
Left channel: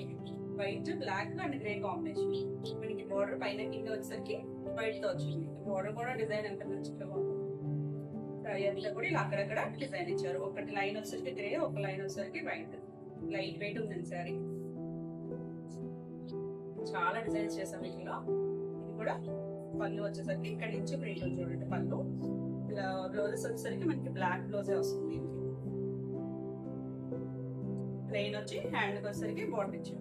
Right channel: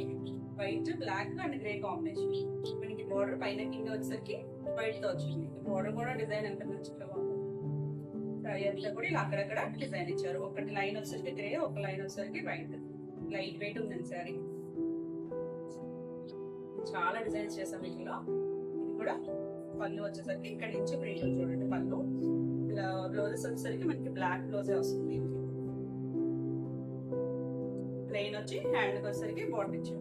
white, black and grey combination. మనకి బోర్డర్ పైన కింద వచ్చేసరికి వైట్ తో వచ్చింది. బోర్డర్ కూడా డిజైన్ ఎంత మంచిగా ఉంది. సారీ అంతా కూడా ఇలా అక్కడక్కడ డిజైన్ ఇచ్చారు. ఒకటి లైన్ వచ్చేసరికి గ్రే, ఒక లైన్ వచ్చేసరికి వైట్. లైట్ వెయిట్ ఉందండి సారీ. చాలా డిజైన్స్ చేసాం వీటిలో. ఇది కూడా పళ్ళు వచ్చేసరికి ఇక్కడ నుంచి ప్రింట్ చూడండి. పళ్ళు ఇలా, బ్లౌజెస్ వచ్చేసరికి మనకి బ్లాక్ బ్లౌజే వస్తుంది. ప్లెయిన్ వచ్చి హ్యాండ్ వచ్చేసరికి బార్డర్ ఇచ్చారు.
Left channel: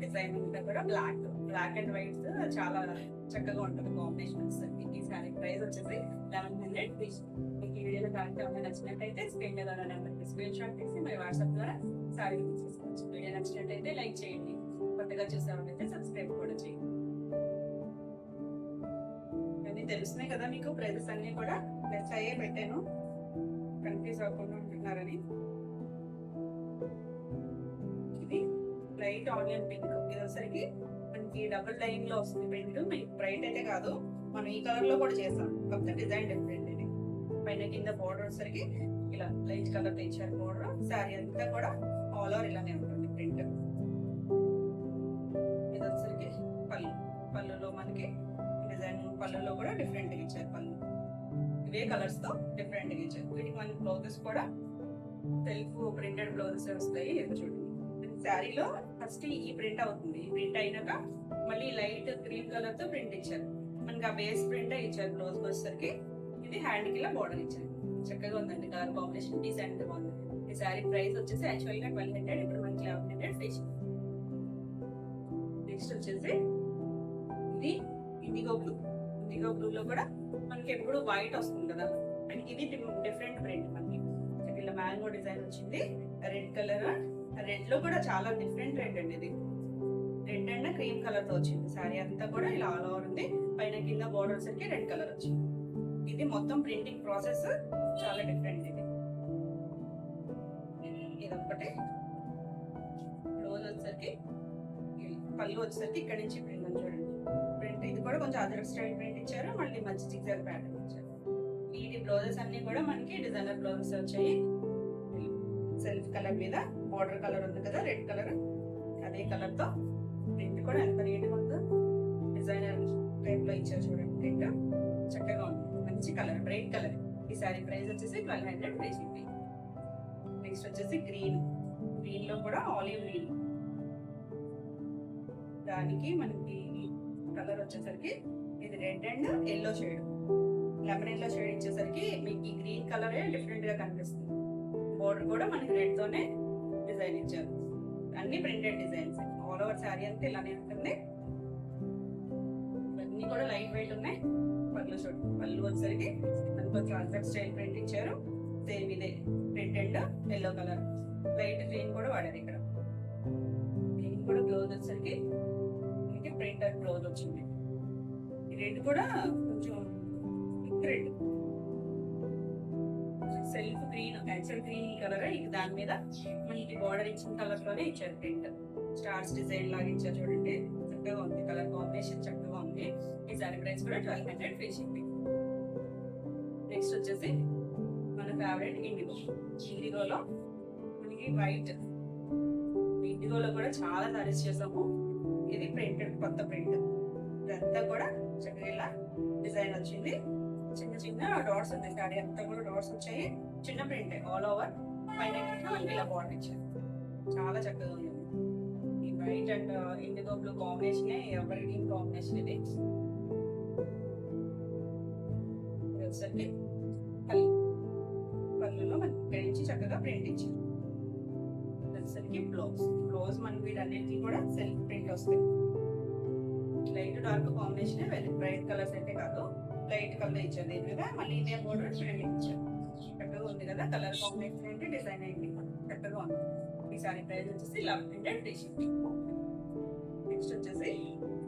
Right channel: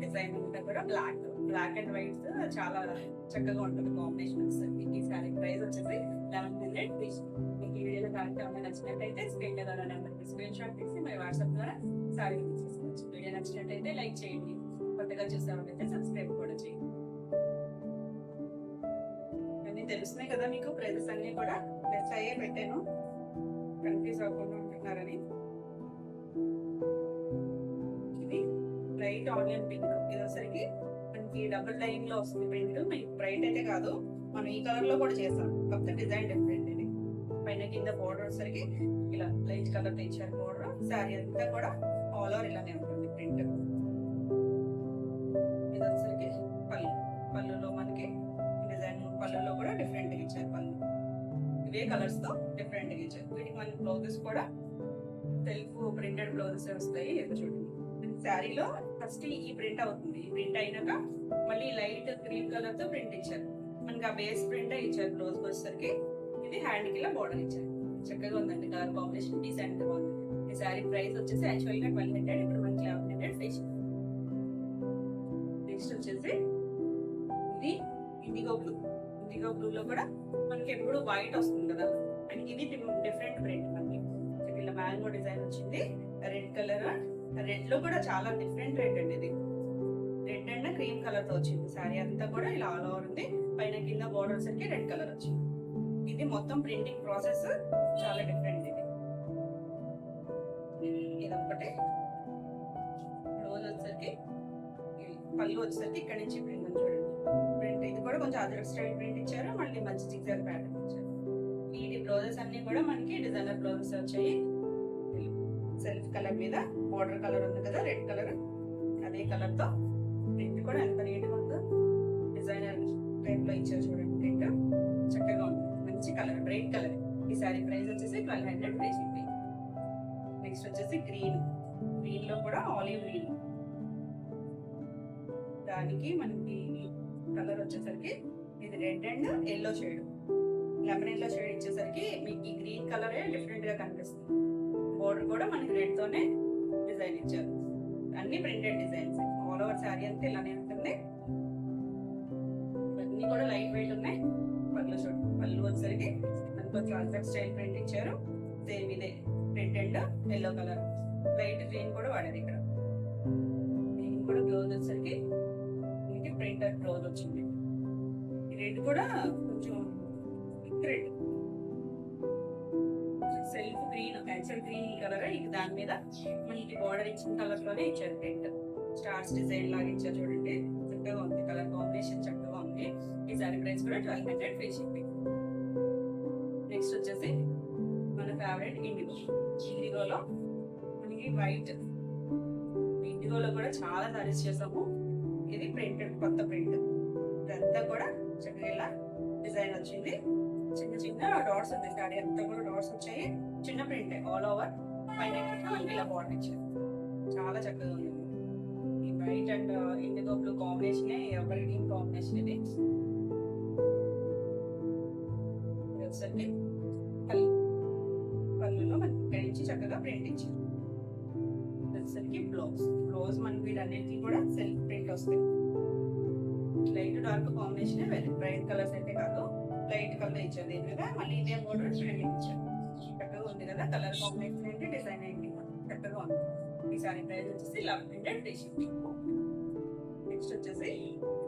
డిజైన్ అంతా కూడా బ్లాక్ అండ్ వైట్ చాలా చక్కగా ఉంటుంది కాంబినేషన్ వచ్చేసరికి. ఈ సారీ ప్రైస్ వచ్చేసి 1100. మీకు ఈ వీడియోలో కరెక్ట్ ఏమైనా నచ్చినట్టయితే స్క్రీన్ మీద నెంబర్కి స్క్రీన్ షాట్ తీసి మరి వాట్సాప్ ద్వారా సారీ తీసుకోవచ్చు. వీడియో నచ్చినట్టయితే లైక్ చేయండి, కొత్తగా చూసామంటే సబ్స్క్రైబ్ కూడా చేయండి. అన్నీ తెలుస్తున్నాయి కదా మీకు, ప్రైజెస్ అన్ని కూడా లెస్ అయ్యే పెట్టాను, కన్ఫ్యూజ్ అవ్వకుండా ఉంటున్నారని. ఇది లైట్ ఆనియన్ పింక్. ఇది వచ్చరికి మనకి డబుల్ లైన్ లో వస్తుంది ప్రింట్. మీకు బ్రైట్ అయితే కాదు, మనం ఈ కలర్ లో కూడా చేస్తాం, కాకపోతే డిజైన్ డిఫరెంట్. ఇది పైన కింద బోర్డర్ వచ్చరికి ఇలా లైట్ కలర్ ఇచ్చారు బోర్డర్. శారీ అంతా కూడా ఆల్ ఓవర్ ఇలానే ఉంటుంది ప్రింట్. ఇది వచ్చరికి పళ్ళులో మనకి డిజైన్, పళ్ళులో కూడా డిఫరెంట్ గా ఇచ్చారు. పళ్ళు ఇవే కలర్స్ తో డిఫరెంట్ గా ఇచ్చారు. వీటికి మన బ్లౌజెస్ కూడా సెల్ఫ్ ప్రింటెడ్ బ్లౌజెస్ వస్తాయి. ఇది చూడండి, శారీలో ఫస్ట్ ఈ ప్రింట్ అవుతుంది. ఈ ప్రింట్ అయినాక మళ్ళీ లైట్ గ్రీన్ కలర్ తో ప్రింట్ ఇచ్చారు. మనకి ఆ బేస్ ప్రింట్ ఇచ్చారు. బ్లౌజ్ వచ్చేసరికి ఇది హ్యాండ్ కి ఇలా బోర్డర్ ఇచ్చారు. చక్కగా ఉందండి కలర్ కాంబినేషన్, డీసెంట్ గా ఉంది. ఈ శారీ ప్రైస్ వచ్చేసి యాక్చువల్ గా 1200, ఇప్పుడు మనకి 1100 ఫ్రీ. నెక్స్ట్ వచ్చేసి ఇది ఇండిగో బ్లూ. ఇండిగో బ్లూ లో కూడా మనకి ఎప్పుడు వైట్ వస్తుంది కదా, అండ్ ఇది డిఫరెంట్ ప్రింట్ మనకి ఇలా మ్యాంగో డిజైన్ వచ్చింది, రెడ్ కలర్. రెడ్ లో కూడా చాలా డిఫరెంట్ రెడ్ అండి ఇది. రెడ్ అండ్ క్రీమ్ కలర్ తో వచ్చింది శారీ అంతా కూడా ఇలా ఆల్ ఓవర్ ఉంది. పైన కింద బోర్డర్ సరికి రెడ్ కలర్ వచ్చింది. ఇది మొత్తం ప్రింటింగ్ ప్రాసెస్ చాలా డిఫరెంట్. ఇది ఒకటి బ్లౌజ్ వచ్చేసరికి, పళ్ళు వచ్చేసరికి ఇక్కడ నుంచి ప్రింట్ చూడండి. ప్రింట్ ఇది కూడా కొంచెం అదర్ స్టైల్ ప్రింట్ ఇచ్చారు, మళ్ళీ మంచి జిగ్జాగ్ ప్యాటర్న్ ఇచ్చారు. వీటి బ్లౌజెస్ అన్ని కూడా మనకి డిజైనర్ బ్లౌజెస్ వచ్చాయి. సెల్ఫ్ కలర్ మీద బోర్డర్ కలర్ ఉంది కదా రెడ్ కలర్, అదే కలర్ తో ప్రింట్ కూడా ఎంత నీట్ గా ఉందో డిజైనర్ టైప్ లో ఇచ్చారు చూడండి. ప్రింట్ చక్కగా ఉంది, మంచి కలర్, బ్రైట్ కలర్. ఈ సారీ ప్రైస్ వచ్చేసి 1200 ఫ్రీ షిప్పింగ్. నెక్స్ట్ వచ్చేసి గ్రీన్, గ్రీన్ లో కూడా ఆలివ్ గ్రీన్, దానికి మనకి కలర్ వచ్చేసరికి ఇది red and yellow shade, lemon yellow shade ఇచ్చేసరికి మీకు ఈ గ్రీన్ కలరే డిఫరెంట్ గా కనిపిస్తుంది. బోర్డర్ కూడా మనకి రెడ్ తోనే డిజైన్ ఇచ్చారు, అన్ని printed designs. All over sari అంతా ఇలానే ఉంటుంది. ఇవన్నీ కూడా లైట్ వెయిట్ ఉన్నాయి. పళ్ళు చూడండి, పళ్ళు వచ్చేసరికి మనకు కొంచెం అదర్ స్టైల్ ప్రింట్ ఇచ్చారు. సేమ్ ఇదే red and yellow colour, light green కూడా వాడారు ఇక్కడ. గ్రీన్ కూడా బ్లౌజ్ వచ్చేసరికి మనకి ప్రింటెడ్ బ్లౌజ్ వచ్చింది. ఈ రెడ్ కూడా కొంచెం red, self green, actual green colour. ఇది దాని మీద మనకి బార్డర్ ఇచ్చిన కలర్ లోనే ఇచ్చారు ప్రింట్. స్టార్స్ డిజైన్ లాగా ఇచ్చారు చూడండి, చక్కగా ఉంది. కలర్ కాంబినేషన్ చక్కగా ఉంది. ఈ సారీ ప్రైస్ కూడా 1200 ఫ్రీ షిప్పింగ్. నెక్స్ట్ వచ్చేసి మన ఫేవరెట్ ఇండిగో. ఇండిగోలో మనకి వైట్, ఇండిగోలో కూడా చాలా సారీస్ చేసాము. ఇది ప్రింటెడ్ కొత్త ప్రింట్, ఇదంతా కూడా చక్కగా ఇలా డిజైన్ వచ్చింది. చిన్న చిన్న డాట్స్ ఉంది, శారీ అంతా కూడా డాట్స్ వచ్చాయి. చిన్న ప్రింట్ ఆల్ ఓవర్, పైన మనకి ఇలా బార్డర్ ఇచ్చారు. చాలా చక్కగా ఉంది. ఈ white and IndiGo blue combination ఎవరి గ్రీన్ కాంబినేషన్. ఇది వచ్చేసరికి పళ్ళు, పళ్ళులో మనకి ఇక్కడ నుంచి చక్కగా ప్రింట్ ఇచ్చారు. వచ్చేసరికి బ్లౌజ్, బ్లౌజ్ మనకి వీటన్నిటికీ కూడా సెల్ఫ్ ప్రింట్ వస్తాయి. Light dark combination, bright colours అయితే కాదు, లైట్ కలర్ ఇచ్చారు. దీని మీద మళ్ళీ ఇదే బోర్డర్ ప్రింటింగ్ ఇచ్చారు. చక్కగా ఉంది కదా, కలర్ కాంబినేషన్ ఏంటి, డిజైన్ ఏంటి, చక్కగా ఉంది. ఈ సారీ ప్రైస్ వచ్చేసి 1100 ఫ్రీ షిప్పింగ్. నెక్స్ట్ వచ్చేసి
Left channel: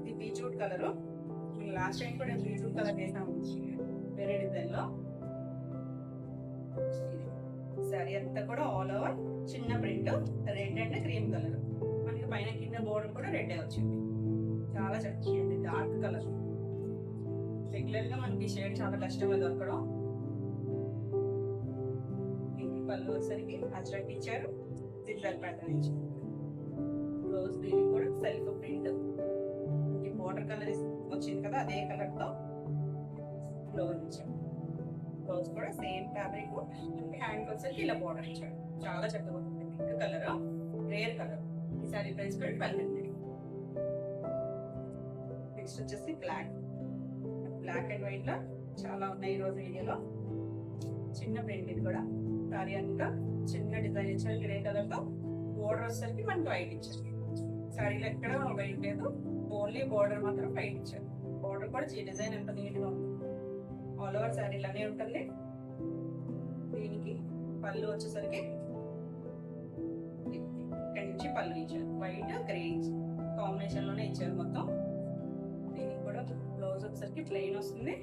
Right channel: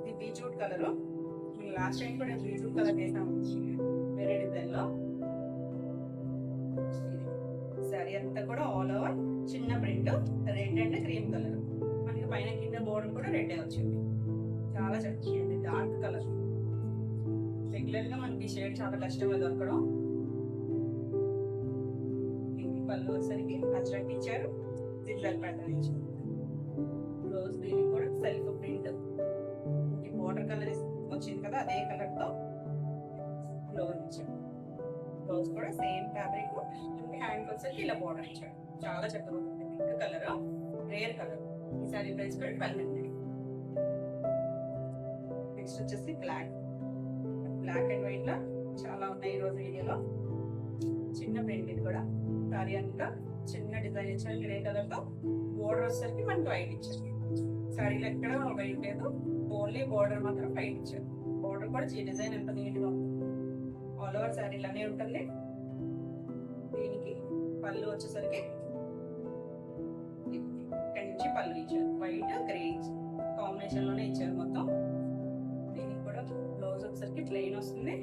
ఇది బీట్రూట్ కలర్. లాస్ట్ టైం కూడా బీట్రూట్ కలర్ వేసాము వేరే డిజైన్ లో. సారీ అంతా కూడా ఆల్ ఓవర్ చిన్న print, red and cream colour. మనకి పైన కింద బోర్డర్ కూడా రెడ్ వచ్చింది. చాలా చక్కగా ఉంది, డార్క్ కలర్. రెగ్యులర్ గా మనకి షేడ్ చాలా కష్టంగా దొరకడం. పళ్ళు వచ్చేసరికి అజ్రక్ ఇచ్చారు, జిగ్జాగ్ ప్యాటర్న్ ఇచ్చారు. బ్లౌజ్ దీనికి కూడా సెల్ఫ్ ప్రింట్, ఈ బోర్డర్ కలర్ వచ్చింది కదా అదే కలర్ తో బ్లౌజ్ ఇచ్చారు. బ్లౌజ్ కూడా సేమ్ ఫ్యాబ్రిక్, హ్యాండ్ వచ్చేసరికి ఇలా బోర్డర్ ఇచ్చారు. చాలా చక్కగా ఉంటుంది. Pink colour, rare colour. ఈ సారీ ప్రైస్ కూడా 1200. నెక్స్ట్ వచ్చేసి బ్లాక్, బ్లాక్ అండ్ వైట్ లో చాలా ఉన్నాయి ఈ రోజు వీడియోలో. చిన్న ప్రింట్, ఇది కూడా సారీ అంతా చిన్న డిజైన్ ఇచ్చారు గ్రే కలర్ తో. బోర్డర్ వచ్చేసరికి మనకి వైట్ ఇచ్చారు. సారీలో ఎక్కడ వైట్ లేదు, ఓన్లీ బోర్డర్ మాత్రం వైట్ ఇచ్చారు. బోర్డర్ కూడా డిజైన్ ఎంత నీట్ గా ఉంది. ఆల్ ఓవర్ సారీ ఇలానే ఉంటుంది. దీనికి పళ్ళు వచ్చేసరికి ఇక్కడ నుంచి పళ్ళు ఇచ్చారు, వైట్ గ్రే కాంబినేషన్ లోనే ఇచ్చారు మొత్తం. దీనికి కూడా బ్లౌజ్ వచ్చేసరికి ప్లెయిన్ వస్తుంది.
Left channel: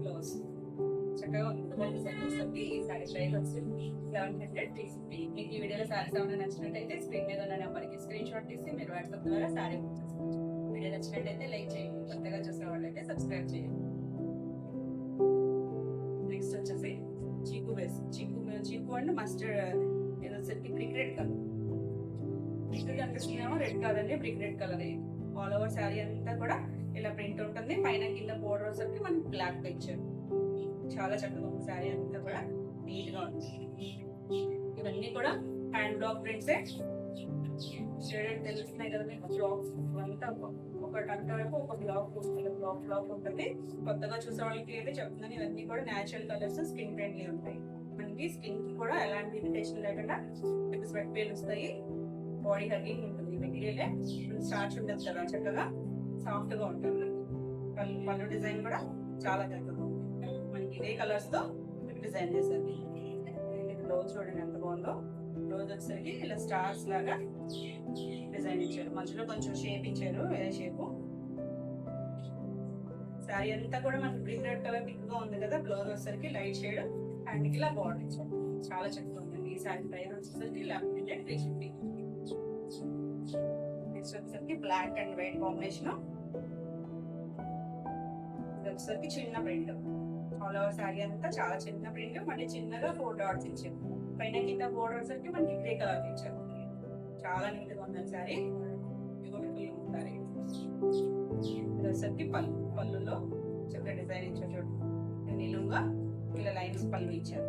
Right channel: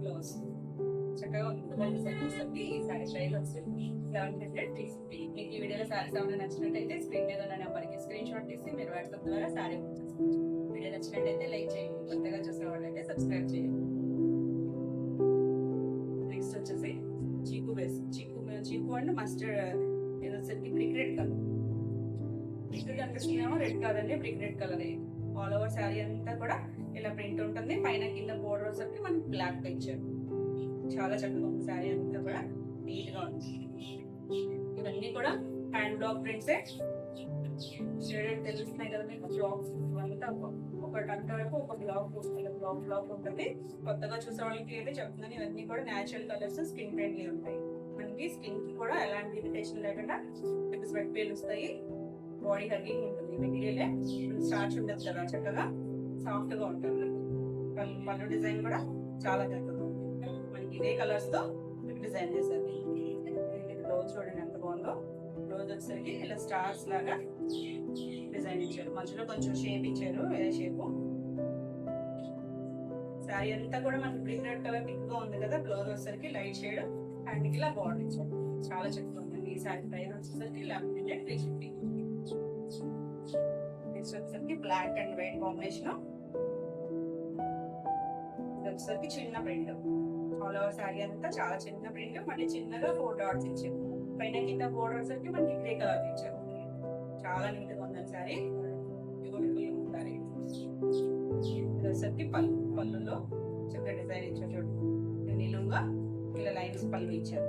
బ్లౌజ్ చక్కగా ఉంటుంది. ఈ సారీ ప్రైస్ వస్తుంది 1100 తీసుకుంటే. మీకు ఈ వీడియోలో సారీస్ ఏమైనా నచ్చినట్టయితే స్క్రీన్ మీద ఉన్న నెంబర్కి స్క్రీన్ షాట్ తీసి మీరు వాట్సాప్ ద్వారా సారీ బుక్ చేసుకోవచ్చు. వీడియో నచ్చినట్టయితే లైక్ చేయండి, కొత్తగా చూసే వాళ్ళైతే సబ్స్క్రైబ్ చేయండి. నెక్స్ట్ వచ్చేసి చీకు బేస్, చీకు అండ్ మస్టర్డ్. ఇది వచ్చేసరికి బ్రిక్ రెడ్ కలర్. బ్రిక్ కనిపిస్తున్నామో రెడ్ కాదండి, brick red colour. All over sari అంతా కూడా ఇలా ప్రింట్ ఉంటుంది. పైన కింద బోర్డర్ వచ్చేసరికి మనకి బ్లాక్ గా ఇచ్చారు. చాలా చక్కగా ఉంది శారీ అంతా కూడా, నీట్ గా ఉంది. ఇవన్నీ కూడా హ్యాండ్ బ్లాక్ ప్రింట్సే. షేడెడ్ తెలుస్తున్నాయి కదా మీకు, బ్లాక్స్ అంతా ఒకటంత వరకు ఒక బ్లాక్ ఉంటుంది. కొత్తగా చూసే వాళ్ళకి అయితే చెప్తున్నాను, ఇవన్నీ కూడా న్యాచురల్ కలర్స్, స్కిన్ ఫ్రెండ్లీ ఉంటాయి. మనకి స్కిన్ కూడా ఎలాంటి ఇరిటేషన్ లేకుండా స్వెట్ పేలుస్తాయి. బాడీ హగ్గింగ్ ఉంటుంది. మెటీరియల్ స్టార్చ్ ఉండదు కదా, చక్కగా సాఫ్ట్ గా ఉంటుంది. పళ్ళు డిజైన్ కూడా చాలా చక్కగా ఉంది. మనకి ఇదే కలర్స్ తో డిజైన్ చేశారు. బ్లౌజ్ చూడండి ఎంత బాగుందో. బ్లౌజ్ వచ్చేసరికి ఇలా స్టార్స్ లాగా డిజైన్ ఇచ్చారు. మధ్యలో కొంచెం షేప్ ఇచ్చారు, ఏ షేప్. శారీ అంతా కూడా మనకి గ్రీన్ రెడ్ కలర్ థిక్ గా ఉంది కదా. బ్లౌజ్ వచ్చేసరికి లైట్ షేడ్ అండ్ ఇలా బార్డర్ ఇచ్చారు. చాలా చక్కగా ఉందండి. ఈ శారీ ప్రైస్ వచ్చేసరికి 1150. నెక్స్ట్ వచ్చేసరికి బ్లాక్ అండ్ వైట్ కాంబినేషన్. ఇది వచ్చేసరికి చిన్న ప్రింట్. ఆల్ ఓవర్ శారీ అంతా చాలా చిన్న ప్రింట్. మళ్ళీ చిన్నగా 4 డాట్స్ ఇచ్చారు. పైన కింద బోర్డర్ వచ్చేసరికి మనకి గ్రే కలర్ ఇచ్చారు. చాలా నీట్ గా ఉందండి శారీ. బ్యూటిఫుల్ ఉంటారు. ఇది వచ్చేసరికి పళ్ళులో చక్కగా డిజైన్ ఇచ్చారు. చూడండి నిలువుగా ఇలా లైన్స్ పళ్ళు ఇచ్చారు.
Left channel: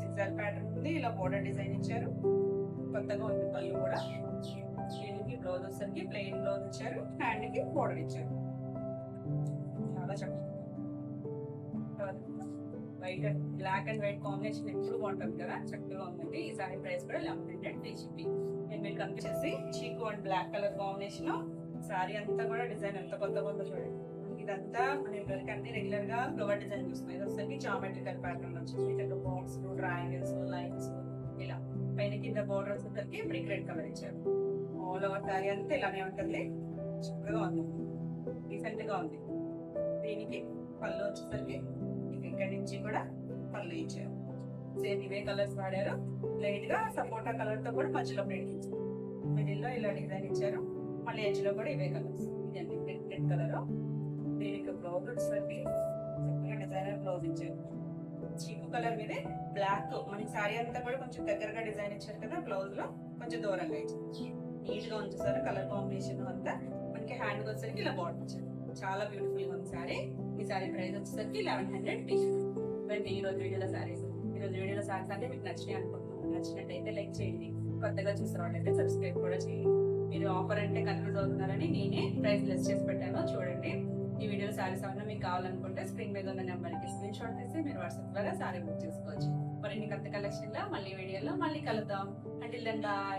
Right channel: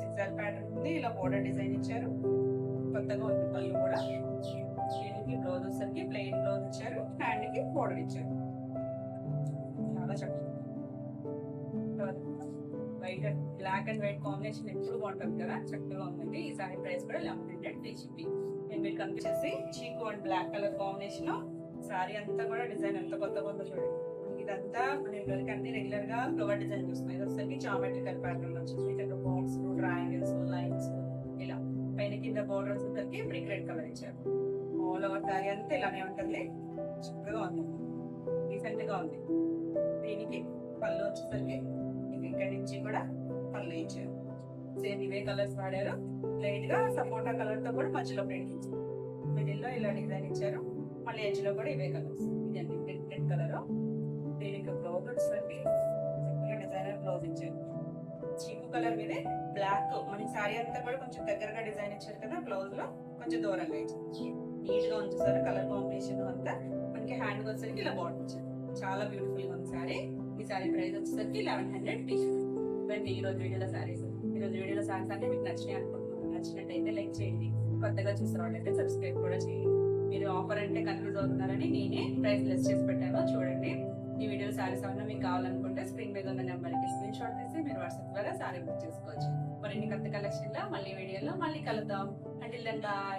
సిక్సర్ ప్యాటర్న్ ఉంది. ఇలా బోర్డర్ డిజైన్ ఇచ్చారు. కొత్తగా ఉంది పళ్ళు కూడా. దీనికి బ్లౌజ్ వచ్చేసరికి ప్లెయిన్ బ్లౌజ్ ఇచ్చారు. హ్యాండ్ కి బోర్డర్ ఇచ్చారు. చాలా చక్కగా white black and white combination ఎప్పుడు బాగుంటుంది కదా. చక్కగా ఉందండి. ఈ సారీ ప్రైస్ కూడా 1150. నేను మీకు కనిపించేసి చీకు and black colour combination. Sari అంతా కూడా డిజైన్ ఎంత కొత్తగా ఉందో చూడండి. ఇదంతా నేను అన్ని రెగ్యులర్ గా ఫ్లవర్ డిజైన్ చూస్తున్నాను. ఇది వచ్చేసరికి జామెట్రికల్ ప్యాటర్న్ వచ్చింది. ఇక్కడ బాక్స్ ట్రయాంగిల్స్ లైన్స్ ఇలా. పైన కింద బోర్డర్ వచ్చేసరికి బ్రిక్ రెడ్ కలర్ ఇచ్చారు. ఆల్ ఓవర్ సారీ అంతా ఇలానే ఉంటుంది. చక్కగా ఉంది, డీసెంట్ గా ఉంది. దీనికి పళ్ళు వచ్చేసరికి ఇక్కడ నుంచి కూడా పళ్ళు ఇచ్చారు. సేమ్ ఇవే కలర్స్ వాడారు. లైట్ గా సపోటా కలర్ తో కూడా మధ్యలో ప్రింట్ ఇచ్చారు. మిడిల్ లో ఇలా డిజైన్ ఇచ్చారు. మళ్ళీ ఎడ్జ్ లో కూడా ఇవే కలర్స్. ఇదండి రెడ్ కలర్. దీనికి బ్లౌజ్ వచ్చేసరికి చక్కగా డిజైనర్ బ్లౌజ్ ఇచ్చారు. చీకు కలర్ మీదే బ్లాక్. మనకి శారీ అంతా కూడా కొంచెం దగ్గరగా డిజైన్ ఇచ్చారు కదా. బ్లౌజ్ లో కొంచెం దూరంగా ఇచ్చారు. నీట్ గా ఉంచేసారు. కలర్ కాంబినేషన్ అంతా మనకి హ్యాండ్ వచ్చేసరికి ఇలా బాడీ ఇచ్చారు. చాలా బ్యూటిఫుల్ గా ఉంది శారీ. ఈ శారీ ప్రైస్ వచ్చేసరికి 1150. ఇవన్నీ ఈ రోజు వీడియోలో శారీస్. ఈ రోజు వీడియోలో శారీస్ అంటే మీకు నచ్చినాయి అనుకుంటున్నాను. నచ్చినట్టయితే లైక్ చేయండి. కొత్తగా చూసిన వాళ్ళైతే సబ్స్క్రైబ్ కూడా చేయండి. మీరు ఆఫర్ అంటే కన్ఫ్యూజ్ అవుతున్నారని నేనే ప్రైస్ లెస్ చేసి పెట్టాను. చూడండి. ఈ వీడియో శారీస్ ఏమన్నా మీకు కావాలనుకుంటే స్క్రీన్ మీద ఉన్న నెంబర్కి స్క్రీన్ షాట్ తీసి మీరు వాట్సాప్ ద్వారా శారీ బుక్ చేసుకోవచ్చు. మరిన్ని కొత్త కలెక్షన్ లో మళ్ళీ వీడియోలో మళ్ళీ కలుద్దాం. Until then by.